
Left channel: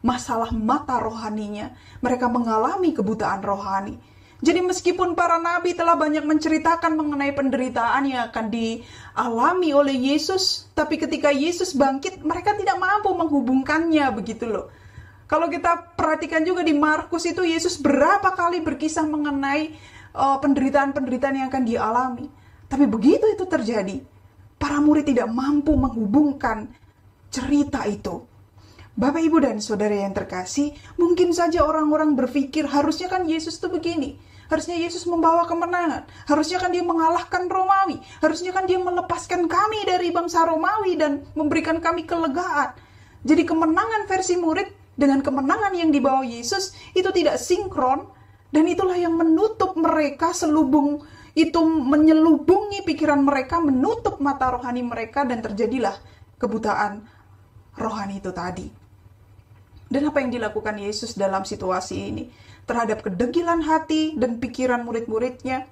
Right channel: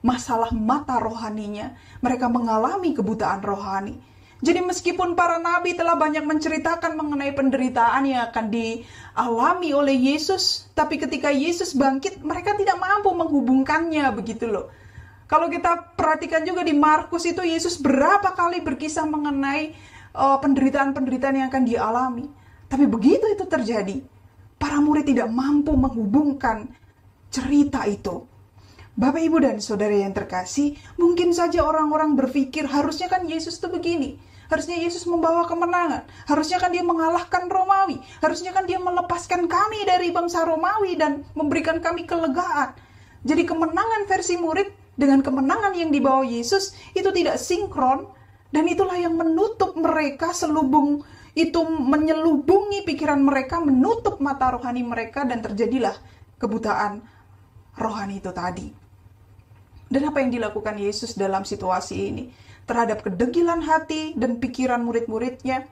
Masalah mata rohaninya, mereka mengalami kebutaan rohani. Jadi meskipun para nabi telah banyak menceritakan mengenai penderitaan yang akan dialami oleh Yesus, tapi ketika Yesus bangkit, mereka tidak mampu menghubungkannya, begitu loh. Kalau kita perhatikan juga di Markus itu, Yesus berapa kali berkisah mengenai penderitaan-penderitaan yang akan dialami. Tapi begitu itu terjadi, para murid tidak mampu menghubungkan cerita itu. Bapak, Ibu, dan Saudara yang terkasih, mungkin saja orang-orang berpikir harusnya kan Yesus itu begini. Harusnya Yesus membawa kemenangan. Harusnya kan dia mengalahkan Romawi. Harusnya kan dia melepaskan kami dari bangsa Romawi dan memberikan kami kelegaan. Jadi kemenangan versi murid dengan kemenangan yang dibawa Yesus itu tidak sinkron. Dan itulah yang menutup mereka, menyelubungi pikiran mereka, menutup mata rohani mereka, dan terjadilah kebutaan rohani itu tadi. Dan apa yang dilakukan Yesus dalam situasi ini? Terhadap kedegilan hati dan pikiran murid-muridnya,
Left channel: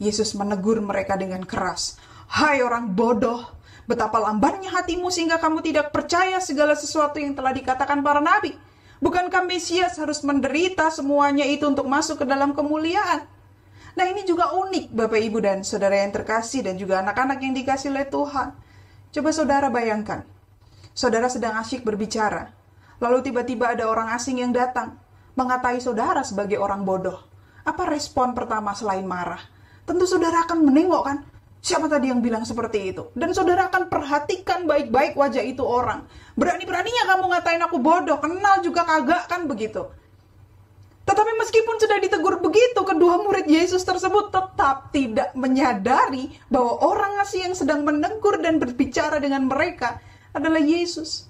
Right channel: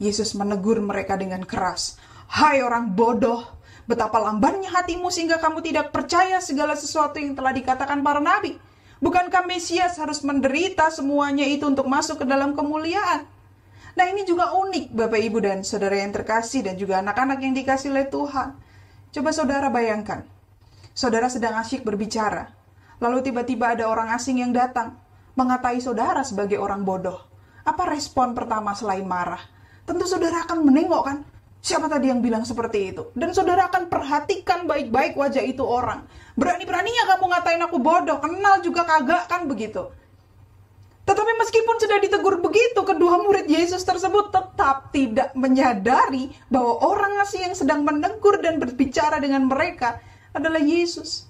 Yesus menegur mereka dengan keras. Hai orang bodoh, betapa lambannya hatimu sehingga kamu tidak percaya segala sesuatu yang telah dikatakan para nabi. Bukankah Mesias harus menderita semuanya itu untuk masuk ke dalam kemuliaan? Nah, ini juga unik Bapak, Ibu, dan Saudara yang terkasih dan juga anak-anak yang dikasih oleh Tuhan. Coba Saudara bayangkan, Saudara sedang asyik berbicara, lalu tiba-tiba ada orang asing yang datang, mengatai Saudara sebagai orang bodoh. Apa respon pertama selain marah? Tentu Saudara akan menengok kan, siapa tadi yang bilang seperti itu? Dan Saudara akan perhatikan baik-baik wajah itu orang. Berani-beraninya kamu ngatain aku bodoh, kenal juga kagak kan begitu. Tetapi meskipun sudah ditegur begitu, kedua murid Yesus tersebut tetap tidak menyadari bahwa orang asing yang sedang menegur dan berbicara dengan mereka adalah Yesus.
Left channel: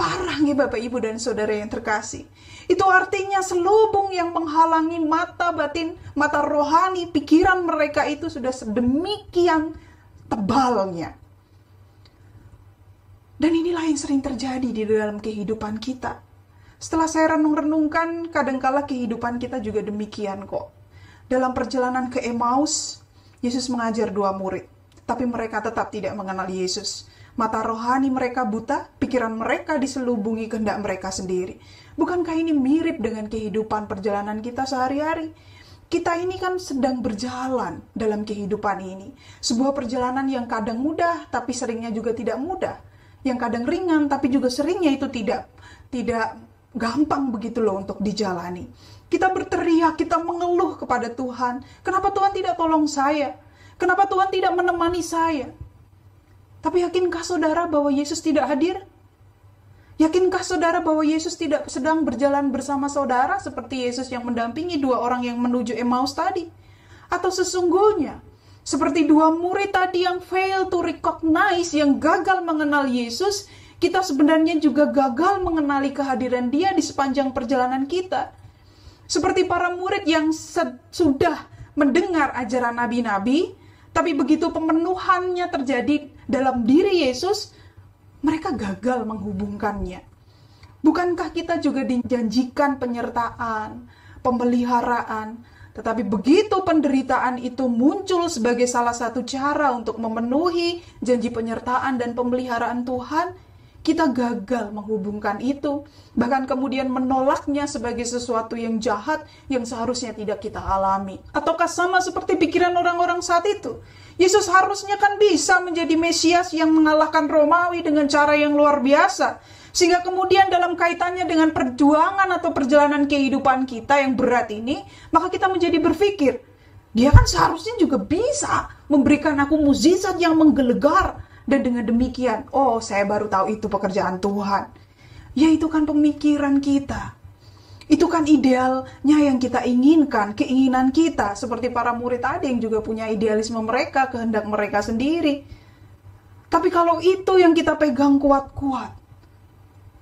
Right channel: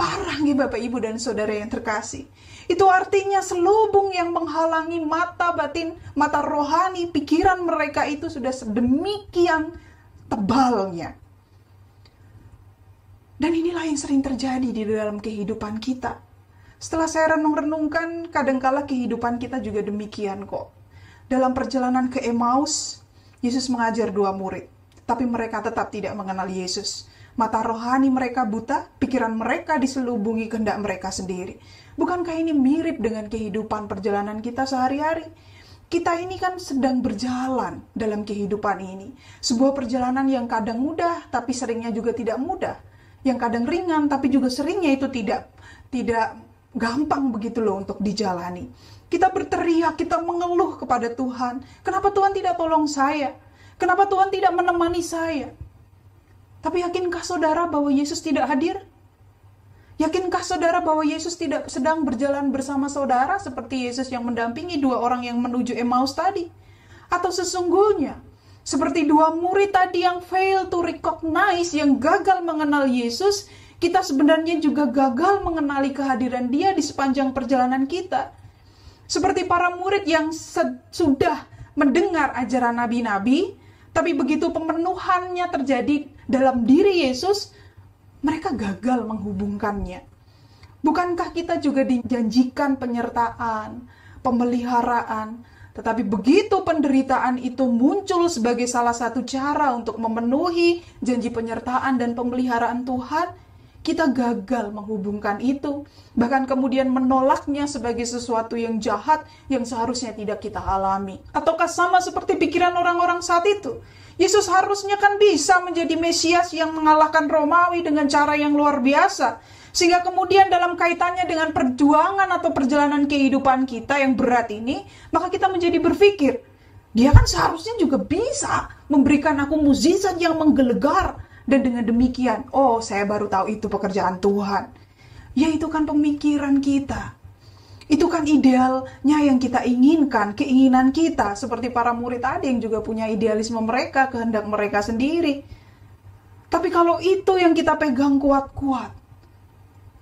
Parah nih Bapak Ibu dan Saudara yang terkasih. Itu artinya selubung yang menghalangi mata batin, mata rohani, pikiran mereka itu sudah sedemikian tebalnya. Dan inilah yang sering terjadi di dalam kehidupan kita. Setelah saya renung-renungkan, kadangkala kehidupan kita juga demikian kok. Dalam perjalanan ke Emmaus, Yesus mengajar 2 murid, tapi mereka tetap tidak mengenal Yesus. Mata rohani mereka buta, pikiran mereka diselubungi kehendak mereka sendiri. Bukankah ini mirip dengan kehidupan perjalanan kita sehari-hari? Kita ini kan sedang berjalan dalam kehidupan ini. Sebuah perjalanan yang kadang mudah, tapi seringnya juga tidak mudah. Yang kadang ringan, tapi juga seringnya itu tidak gampang begitu loh untuk dijalani. Kita berteriak, kita mengeluh kepada Tuhan. Kenapa Tuhan tidak tolong saya? Kenapa Tuhan tidak menemani saya? Tapi yakinkah saudara bahwa Yesus tidak hadir? Yakinkah saudara bahwa Yesus tidak sedang berjalan bersama saudara seperti Yesus yang mendampingi 2 orang yang menuju Emmaus tadi? Atau sesungguhnya seperti 2 murid tadi yang fail to recognize, yang gagal mengenal Yesus, kita sebenarnya juga gagal mengenali kehadiran Dia di sepanjang perjalanan kita. Seperti para murid yang sudah mendengar ajaran nabi-nabi, tapi begitu pemenuhannya terjadi dalam diri Yesus, mereka gagal menghubungkannya. Bukankah kita juga dijanjikan penyertaan, pemeliharaan, tetapi begitu penderitaan itu muncul sebagai salah satu cara untuk memenuhi janji penyertaan dan pemeliharaan Tuhan, kita gagal menghubungkan itu, bahkan kemudian menolaknya sebagai sesuatu yang jahat yang seharusnya tidak kita alami. Ataukah sama seperti pikiran orang-orang saat itu? Yesus harusnya kan bisa menjadi Mesias yang mengalahkan Romawi dengan cara yang luar biasa. Sehingga kemudian dalam kaitannya dengan perjuangan atau perjalanan kehidupan kita yang berat ini, maka kita menjadi berpikir, Dia kan seharusnya juga bisa memberikan aku mukjizat yang menggelegar. Dan dengan demikian, oh saya baru tahu itu pekerjaan Tuhan. Ya itu kan pemikiran kita. Itu kan idealnya yang kita inginkan, keinginan kita. Seperti para murid tadi yang juga punya idealisme mereka, kehendak mereka sendiri. Tapi kalau itu yang kita pegang kuat-kuat,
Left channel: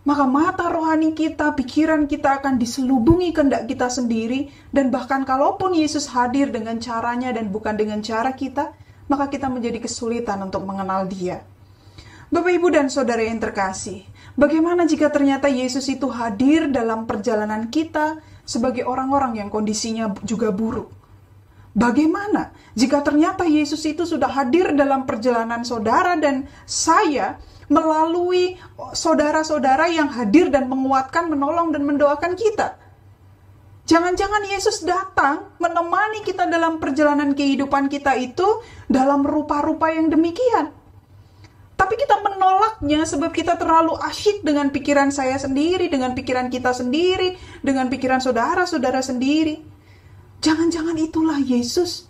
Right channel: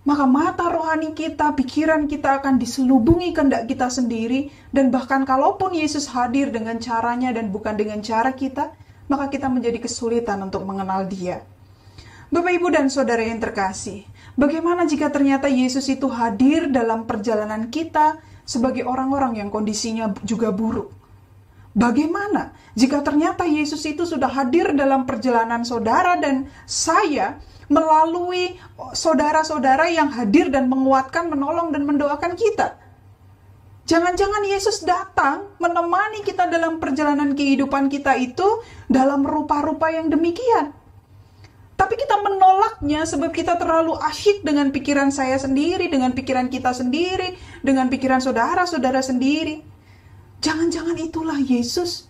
maka mata rohani kita, pikiran kita akan diselubungi kehendak kita sendiri. Dan bahkan kalaupun Yesus hadir dengan caranya dan bukan dengan cara kita, maka kita menjadi kesulitan untuk mengenal Dia. Bapak, Ibu, dan Saudara yang terkasih, bagaimana jika ternyata Yesus itu hadir dalam perjalanan kita sebagai orang-orang yang kondisinya juga buruk? Bagaimana jika ternyata Yesus itu sudah hadir dalam perjalanan saudara dan saya melalui saudara-saudara yang hadir dan menguatkan, menolong, dan mendoakan kita? Jangan-jangan Yesus datang menemani kita dalam perjalanan kehidupan kita itu dalam rupa-rupa yang demikian. Tapi kita menolaknya sebab kita terlalu asyik dengan pikiran saya sendiri, dengan pikiran kita sendiri, dengan pikiran saudara-saudara sendiri. Jangan-jangan itulah Yesus,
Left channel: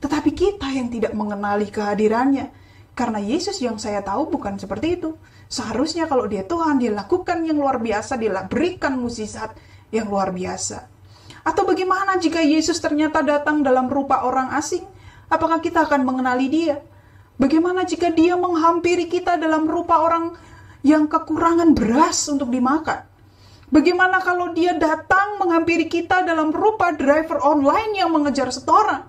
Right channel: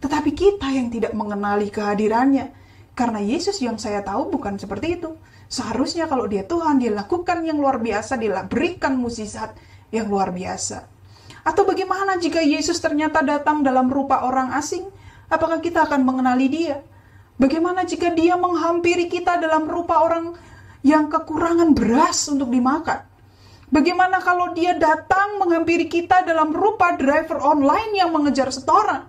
tetapi kita yang tidak mengenali kehadirannya. Karena Yesus yang saya tahu bukan seperti itu. Seharusnya kalau Dia Tuhan, Dia lakukan yang luar biasa, Dia berikan mukjizat yang luar biasa. Atau bagaimana jika Yesus ternyata datang dalam rupa orang asing? Apakah kita akan mengenali Dia? Bagaimana jika Dia menghampiri kita dalam rupa orang yang kekurangan beras untuk dimakan? Bagaimana kalau Dia datang menghampiri kita dalam rupa driver online yang mengejar setoran?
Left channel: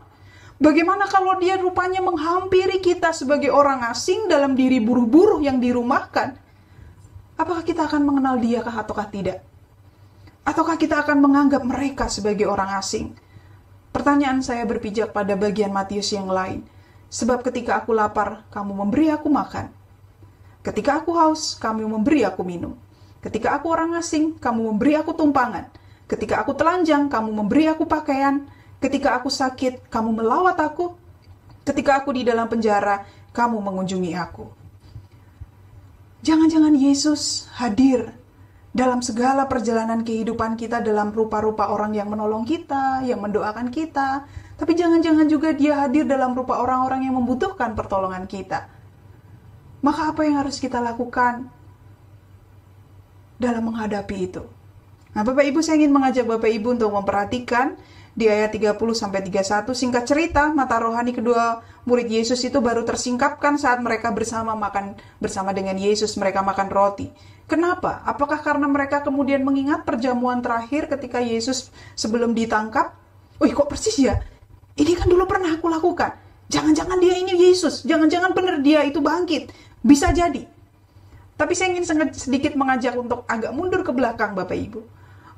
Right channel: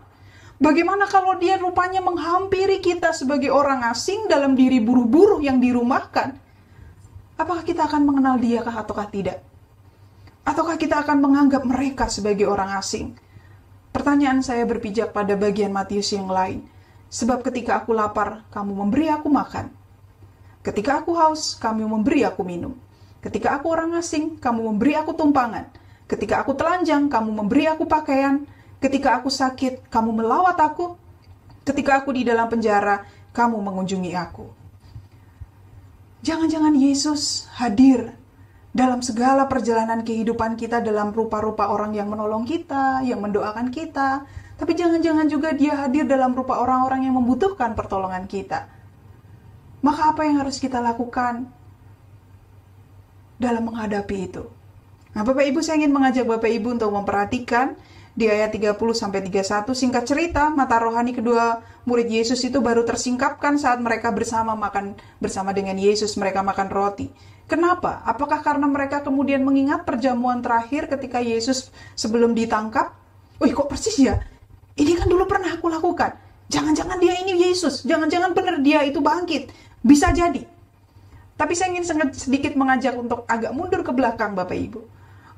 Bagaimana kalau Dia rupanya menghampiri kita sebagai orang asing dalam diri buruh-buruh yang dirumahkan? Apakah kita akan mengenal Dia kah ataukah tidak? Ataukah kita akan menganggap mereka sebagai orang asing? Pertanyaan saya berpijak pada bagian Matius yang lain. Sebab ketika aku lapar, kamu memberi aku makan. Ketika aku haus, kamu memberi aku minum. Ketika aku orang asing, kamu memberi aku tumpangan. Ketika aku telanjang, kamu memberi aku pakaian. Ketika aku sakit, kamu melawat aku. Ketika aku di dalam penjara, kamu mengunjungi aku. Jangan-jangan Yesus hadir dalam segala perjalanan kehidupan kita dalam rupa-rupa orang yang menolong kita, yang mendoakan kita. Tapi jangan-jangan juga Dia hadir dalam rupa orang-orang yang membutuhkan pertolongan kita. Maka apa yang harus kita lakukan dalam menghadapi itu? Nah, Bapak Ibu, saya ingin mengajak Bapak Ibu untuk memperhatikan di ayat 30-31, singkat cerita, mata rohani kedua murid Yesus itu baru tersingkapkan saat mereka bersama makan bersama dengan Yesus, mereka makan roti. Kenapa? Apakah karena mereka kemudian mengingat perjamuan terakhir ketika Yesus sebelum ditangkap? Wih, kok persis ya? Ini kan dulu pernah aku lakukan. Jangan-jangan dia ini Yesus. Jangan-jangan benar dia itu bangkit. Bisa jadi. Tapi saya ingin sedikit mengajak untuk agak mundur ke belakang, Bapak Ibu.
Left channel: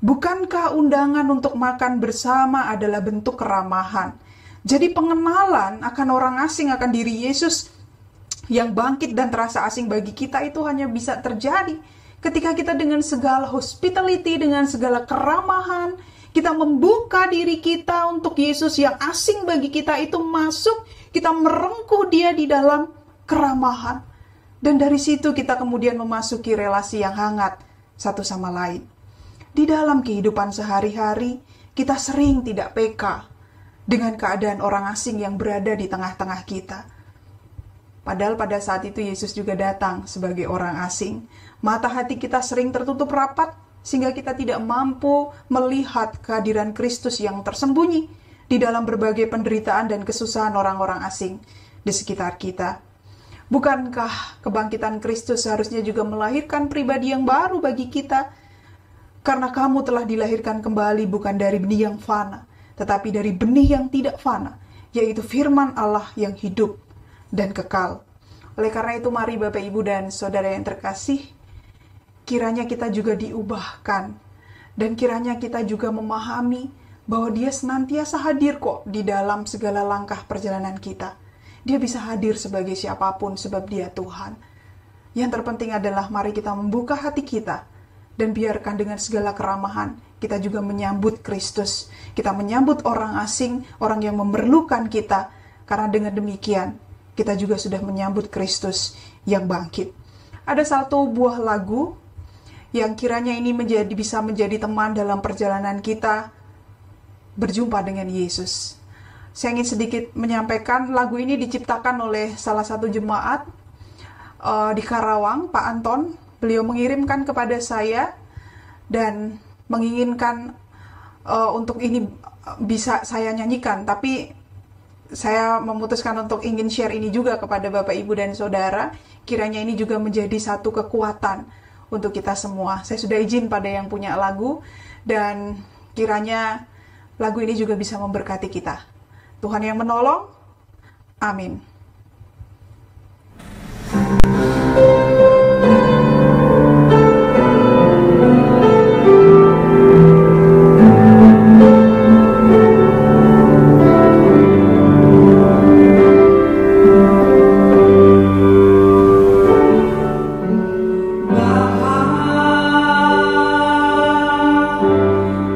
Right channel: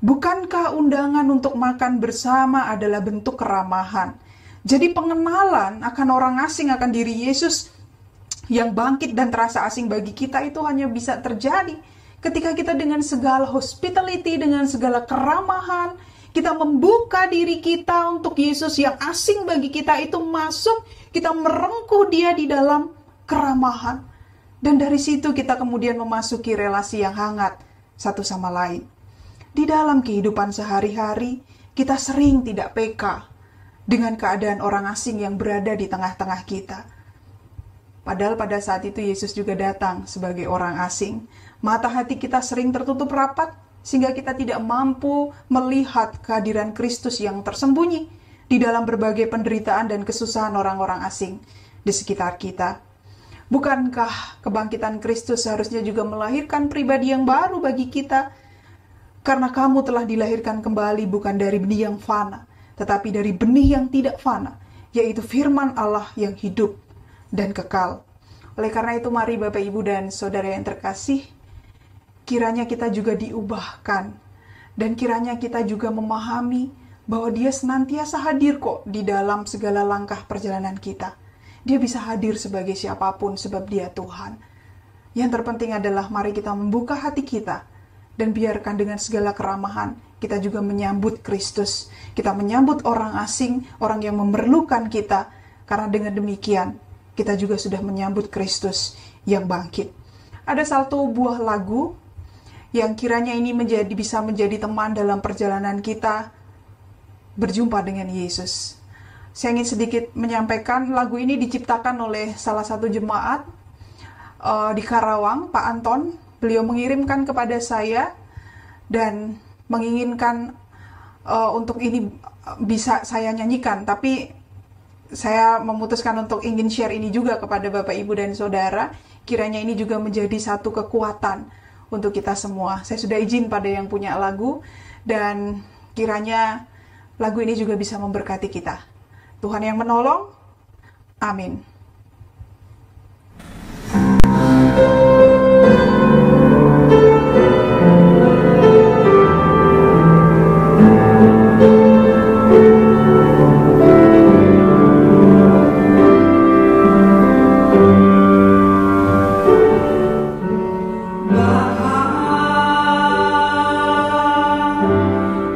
Bukankah undangan untuk makan bersama adalah bentuk keramahan? Jadi pengenalan akan orang asing akan diri Yesus yang bangkit dan terasa asing bagi kita itu hanya bisa terjadi ketika kita dengan segala hospitality, dengan segala keramahan, kita membuka diri kita untuk Yesus yang asing bagi kita itu masuk, kita merengkuh dia di dalam keramahan. Dan dari situ kita kemudian memasuki relasi yang hangat satu sama lain. Di dalam kehidupan sehari-hari, kita sering tidak peka dengan keadaan orang asing yang berada di tengah-tengah kita. Padahal pada saat itu Yesus juga datang sebagai orang asing. Mata hati kita sering tertutup rapat, sehingga kita tidak mampu melihat kehadiran Kristus yang tersembunyi di dalam berbagai penderitaan dan kesusahan orang-orang asing di sekitar kita. Bukankah kebangkitan Kristus seharusnya juga melahirkan pribadi yang baru bagi kita? Karena kamu telah dilahirkan kembali bukan dari benih yang fana, tetapi dari benih yang tidak fana, yaitu firman Allah yang hidup dan kekal. Oleh karena itu, mari Bapak, Ibu, dan Saudara yang terkasih, kiranya kita juga diubahkan, dan kiranya kita juga memahami bahwa Dia senantiasa hadir kok di dalam segala langkah perjalanan kita. Dia bisa hadir sebagai siapapun sebab Dia Tuhan. Yang terpenting adalah mari kita membuka hati kita dan biarkan dengan segala keramahan kita juga menyambut Kristus. Kita menyambut orang asing, orang yang memerlukan kita. Karena dengan demikian kita juga sudah menyambut Kristus yang bangkit. Ada satu buah lagu yang kiranya ini bisa menjadi teman dalam perjalanan kita berjumpa dengan Yesus. Saya ingin sedikit menyampaikan, lagu ini diciptakan oleh salah satu jemaat di Karawang, Pak Anton. Beliau mengirimkan kepada saya dan menginginkan untuk ini bisa saya nyanyikan. Tapi saya memutuskan untuk ingin share ini juga kepada Bapak, Ibu, dan Saudara. Kiranya ini juga menjadi satu kekuatan untuk kita semua. Saya sudah izin pada yang punya lagu dan kiranya lagu ini juga bisa memberkati kita. Tuhan yang menolong. Amin.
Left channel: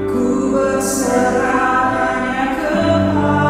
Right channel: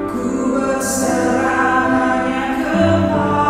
Ku berserah hanya kepadamu.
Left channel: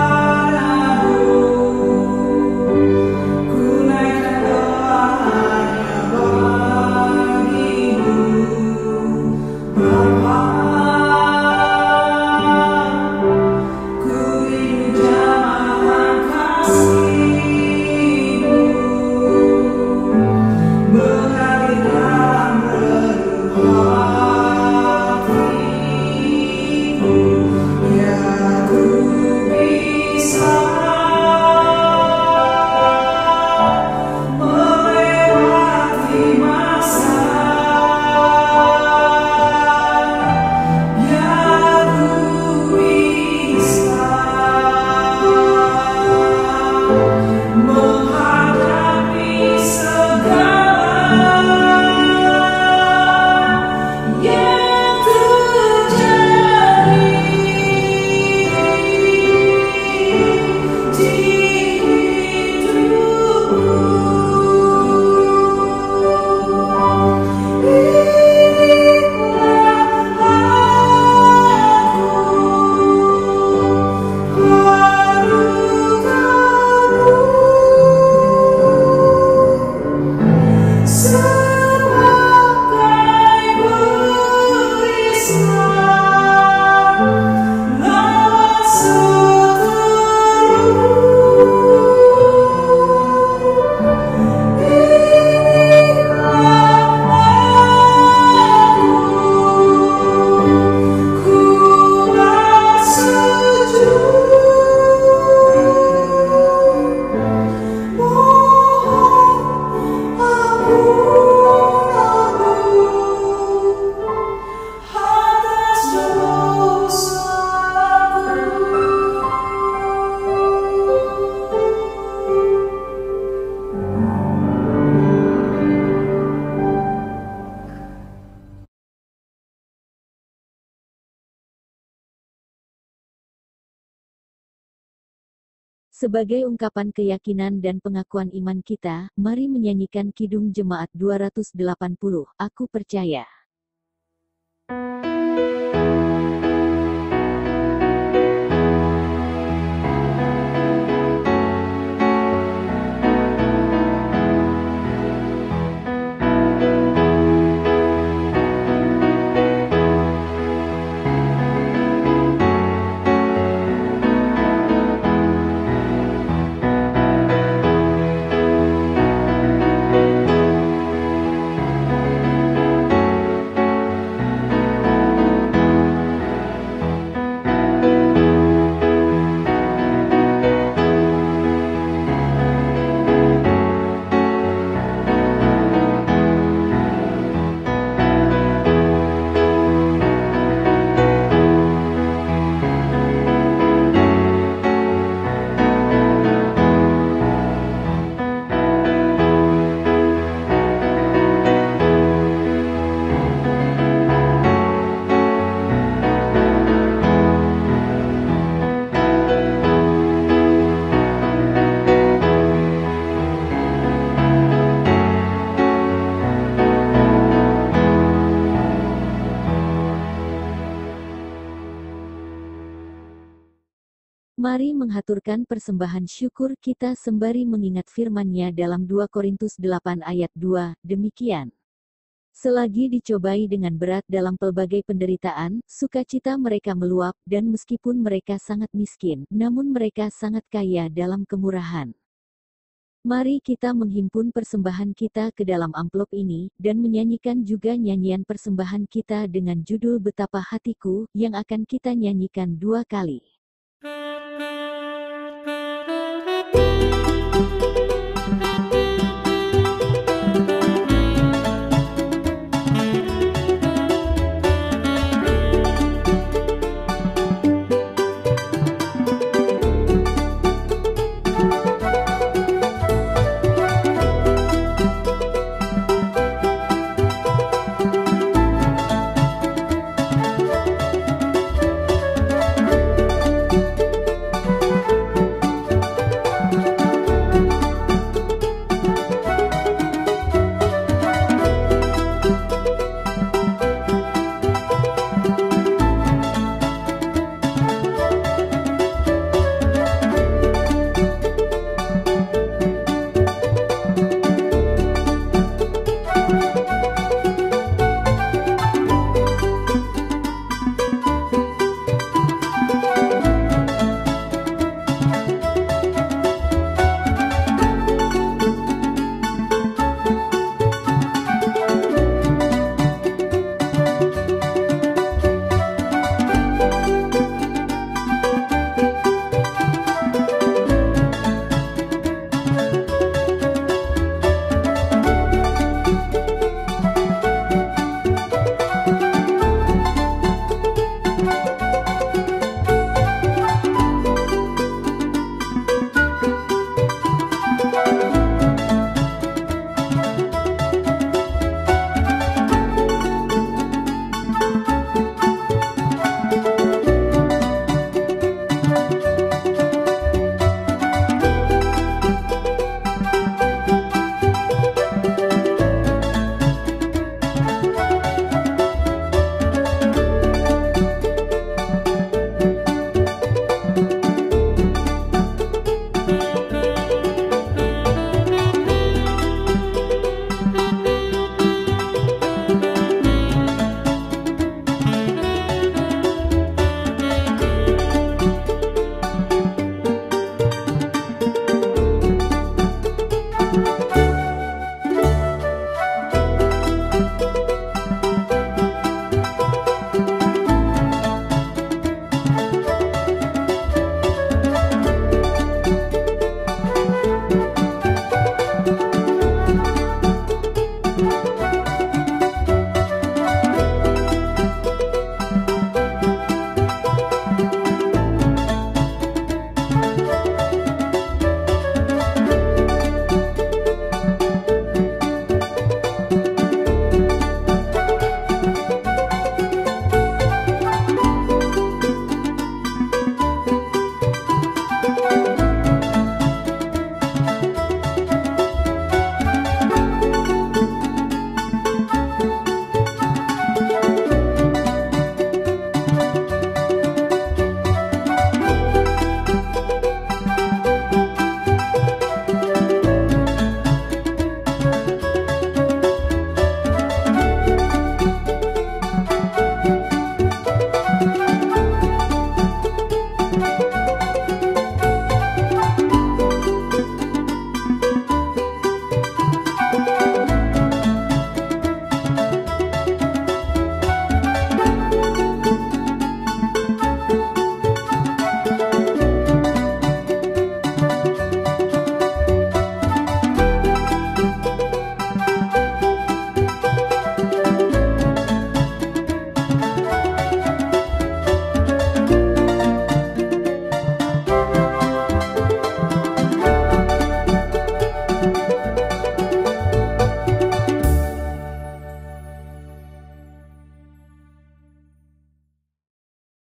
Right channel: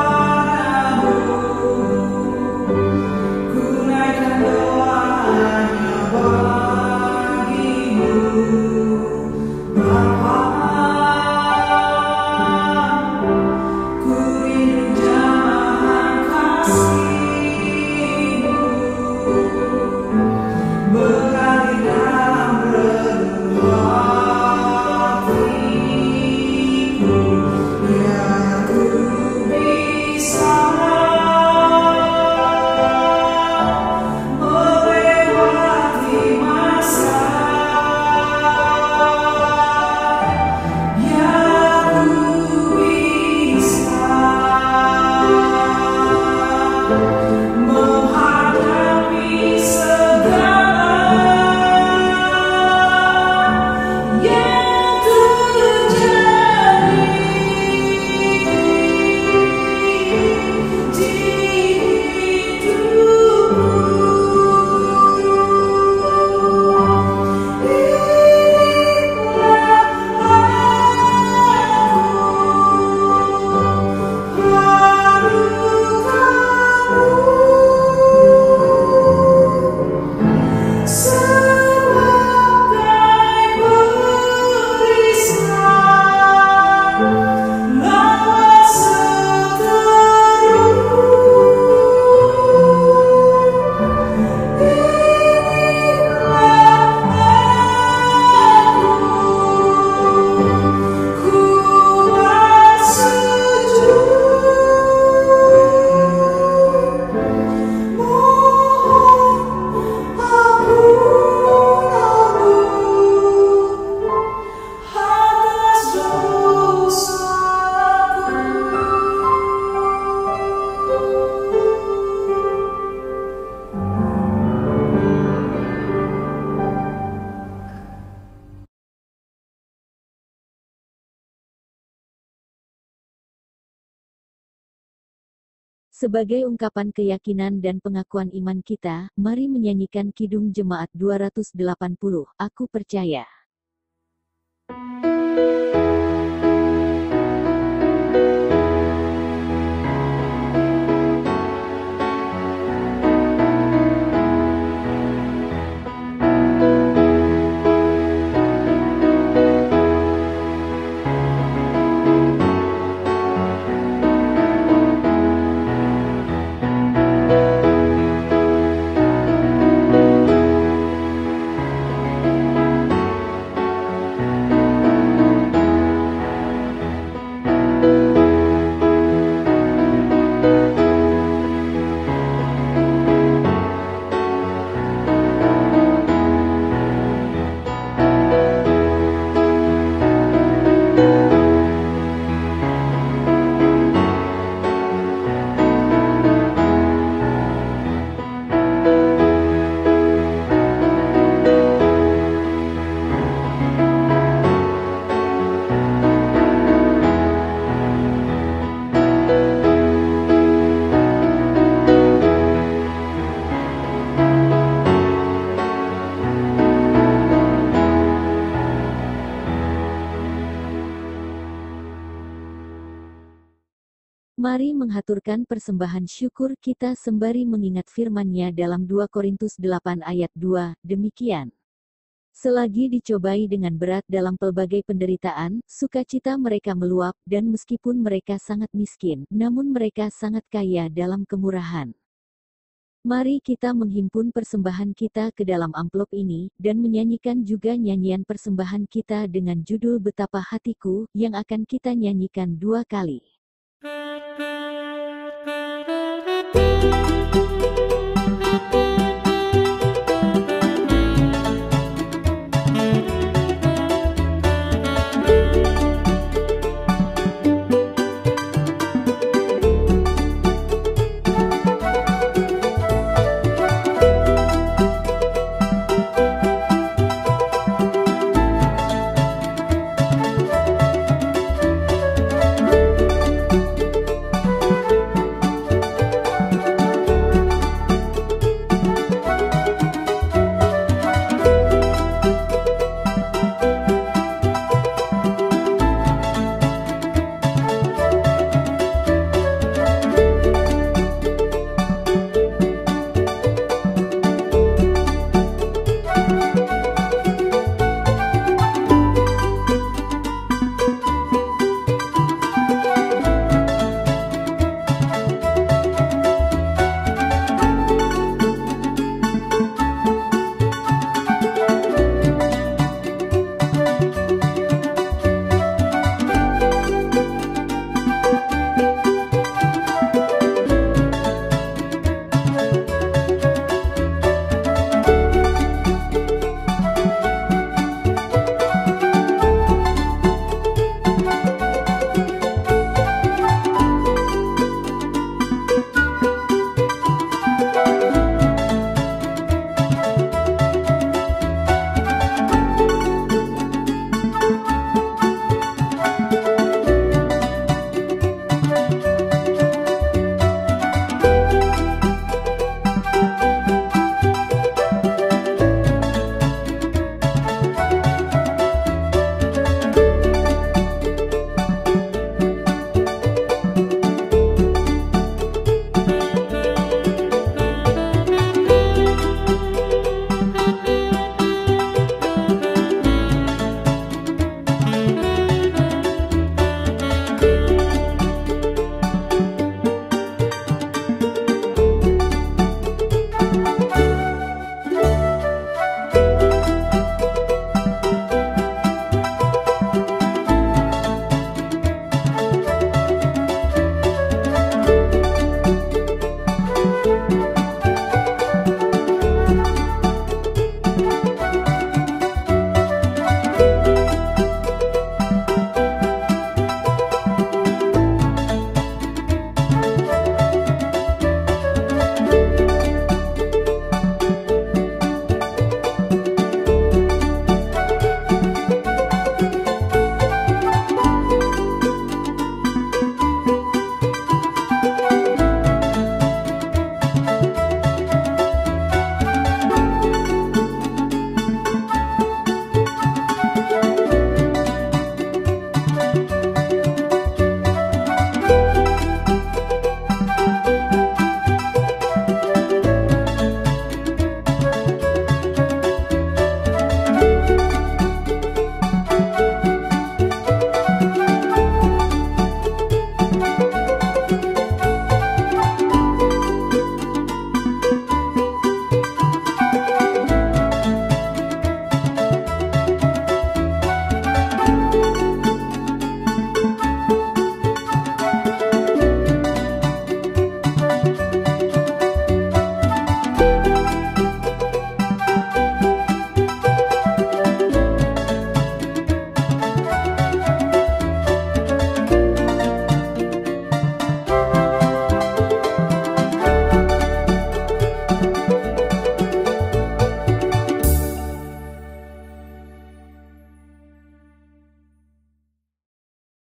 Sebagai ungkapan keyakinan dan pengakuan iman kita, mari menyanyikan Kidung Jemaat 280, Aku Percaya. Mari menghaturkan persembahan syukur kita sembari mengingat firman-Nya dalam 2 Korintus 8 ayat 2, demikian. Selagi dicobai dengan berat dalam pelbagai penderitaan, sukacita mereka meluap, dan meskipun mereka sangat miskin, namun mereka sangat kaya dalam kemurahan. Mari kita menghimpun persembahan kita ke dalam amplop ini, dan menyanyikan juga nyanyian persembahan kita dengan judul Betapa Hatiku, yang akan kita nyanyikan 2 kali.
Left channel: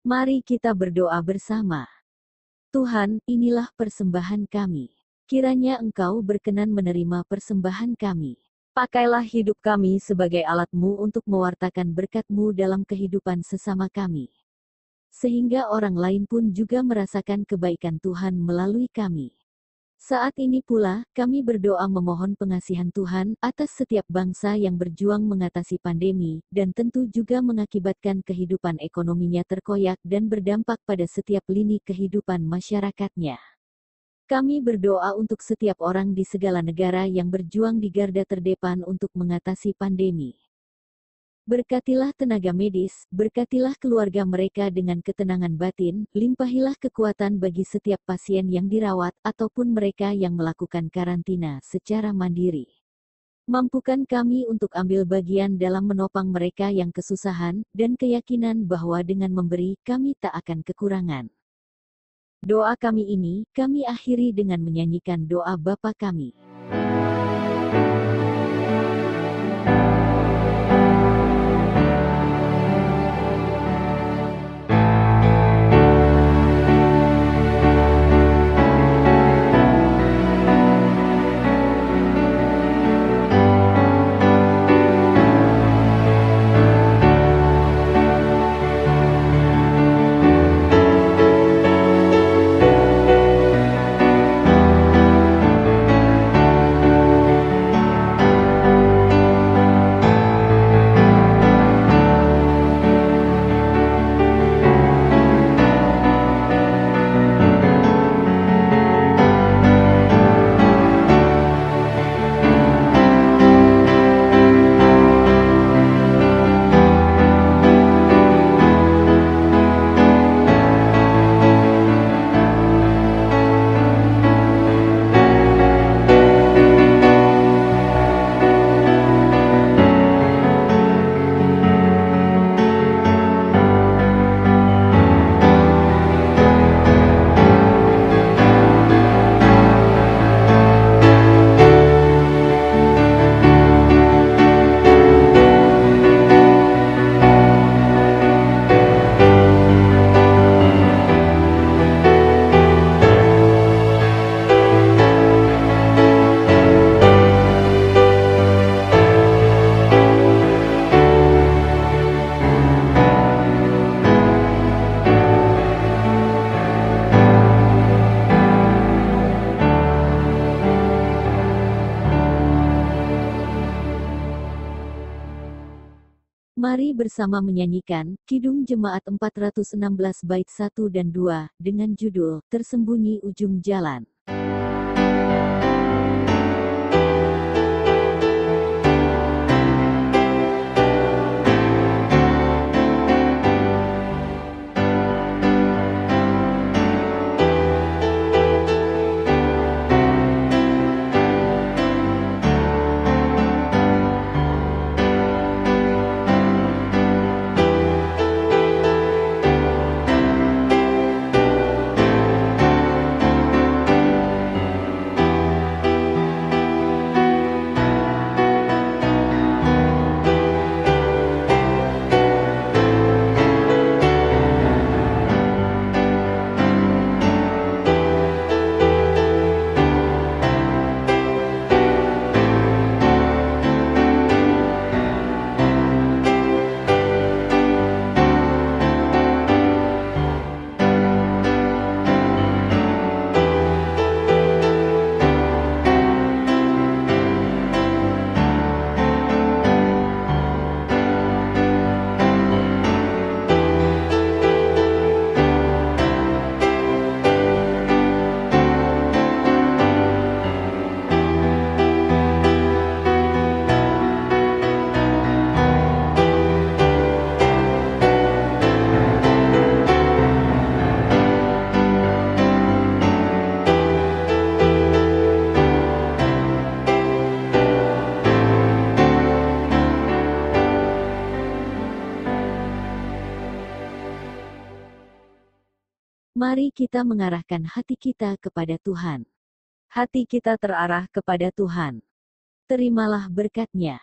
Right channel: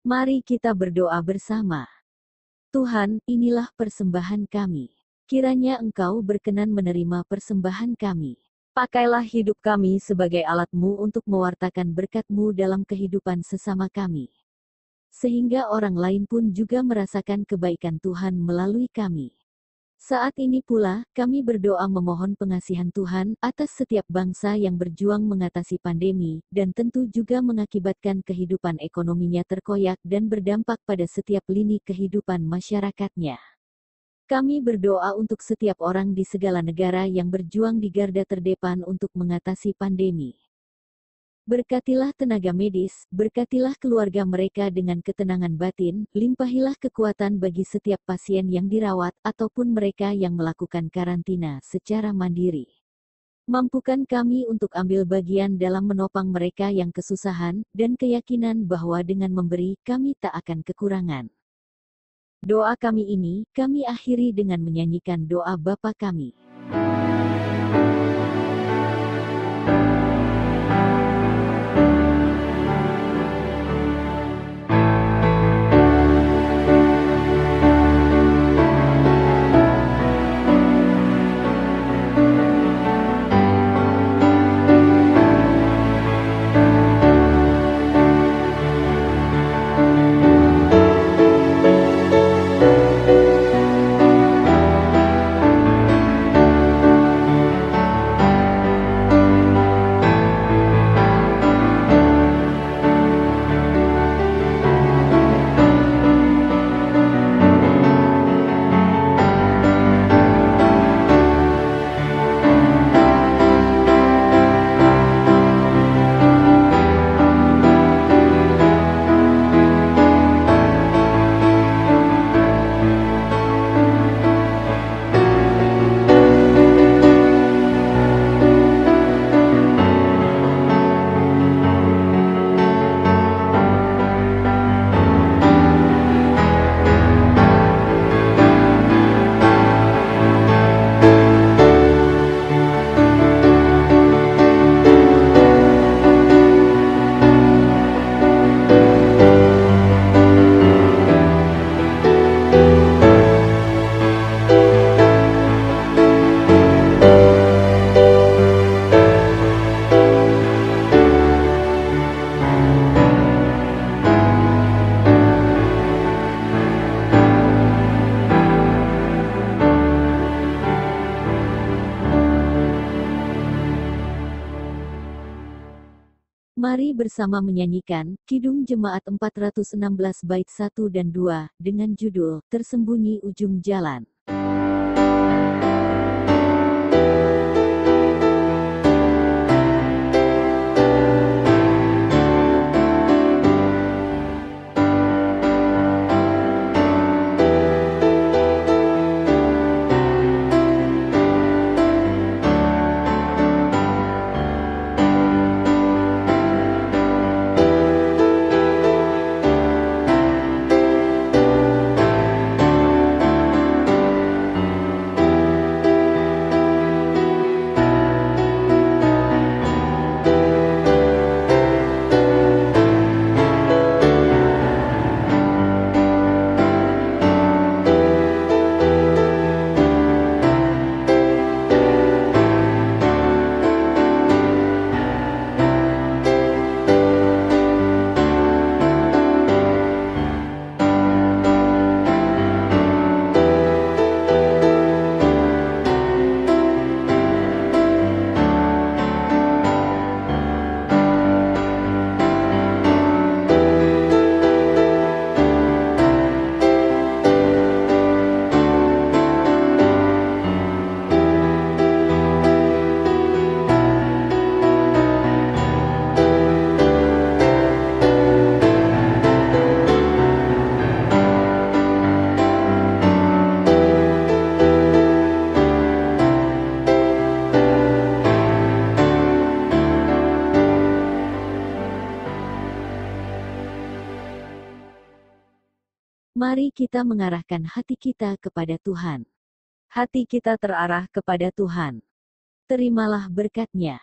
Mari kita berdoa bersama. Tuhan, inilah persembahan kami. Kiranya Engkau berkenan menerima persembahan kami. Pakailah hidup kami sebagai alat-Mu untuk mewartakan berkat-Mu dalam kehidupan sesama kami. Sehingga orang lain pun juga merasakan kebaikan Tuhan melalui kami. Saat ini pula, kami berdoa memohon pengasihan Tuhan atas setiap bangsa yang berjuang mengatasi pandemi, dan tentu juga mengakibatkan kehidupan ekonominya terkoyak dan berdampak pada setiap lini kehidupan masyarakatnya. Kami berdoa untuk setiap orang di segala negara yang berjuang di garda terdepan untuk mengatasi pandemi. Berkatilah tenaga medis, berkatilah keluarga mereka dengan ketenangan batin, limpahilah kekuatan bagi setiap pasien yang dirawat ataupun mereka yang melakukan karantina secara mandiri. Mampukan kami untuk ambil bagian dalam menopang mereka yang kesusahan, dan keyakinan bahwa dengan memberi kami tak akan kekurangan. Doa kami ini, kami akhiri dengan menyanyikan doa Bapa kami. Mari bersama menyanyikan Kidung Jemaat 416 bait 1 dan 2 dengan judul Tersembunyi Ujung Jalan. Mari kita mengarahkan hati kita kepada Tuhan. Hati kita terarah kepada Tuhan. Terimalah berkat-Nya.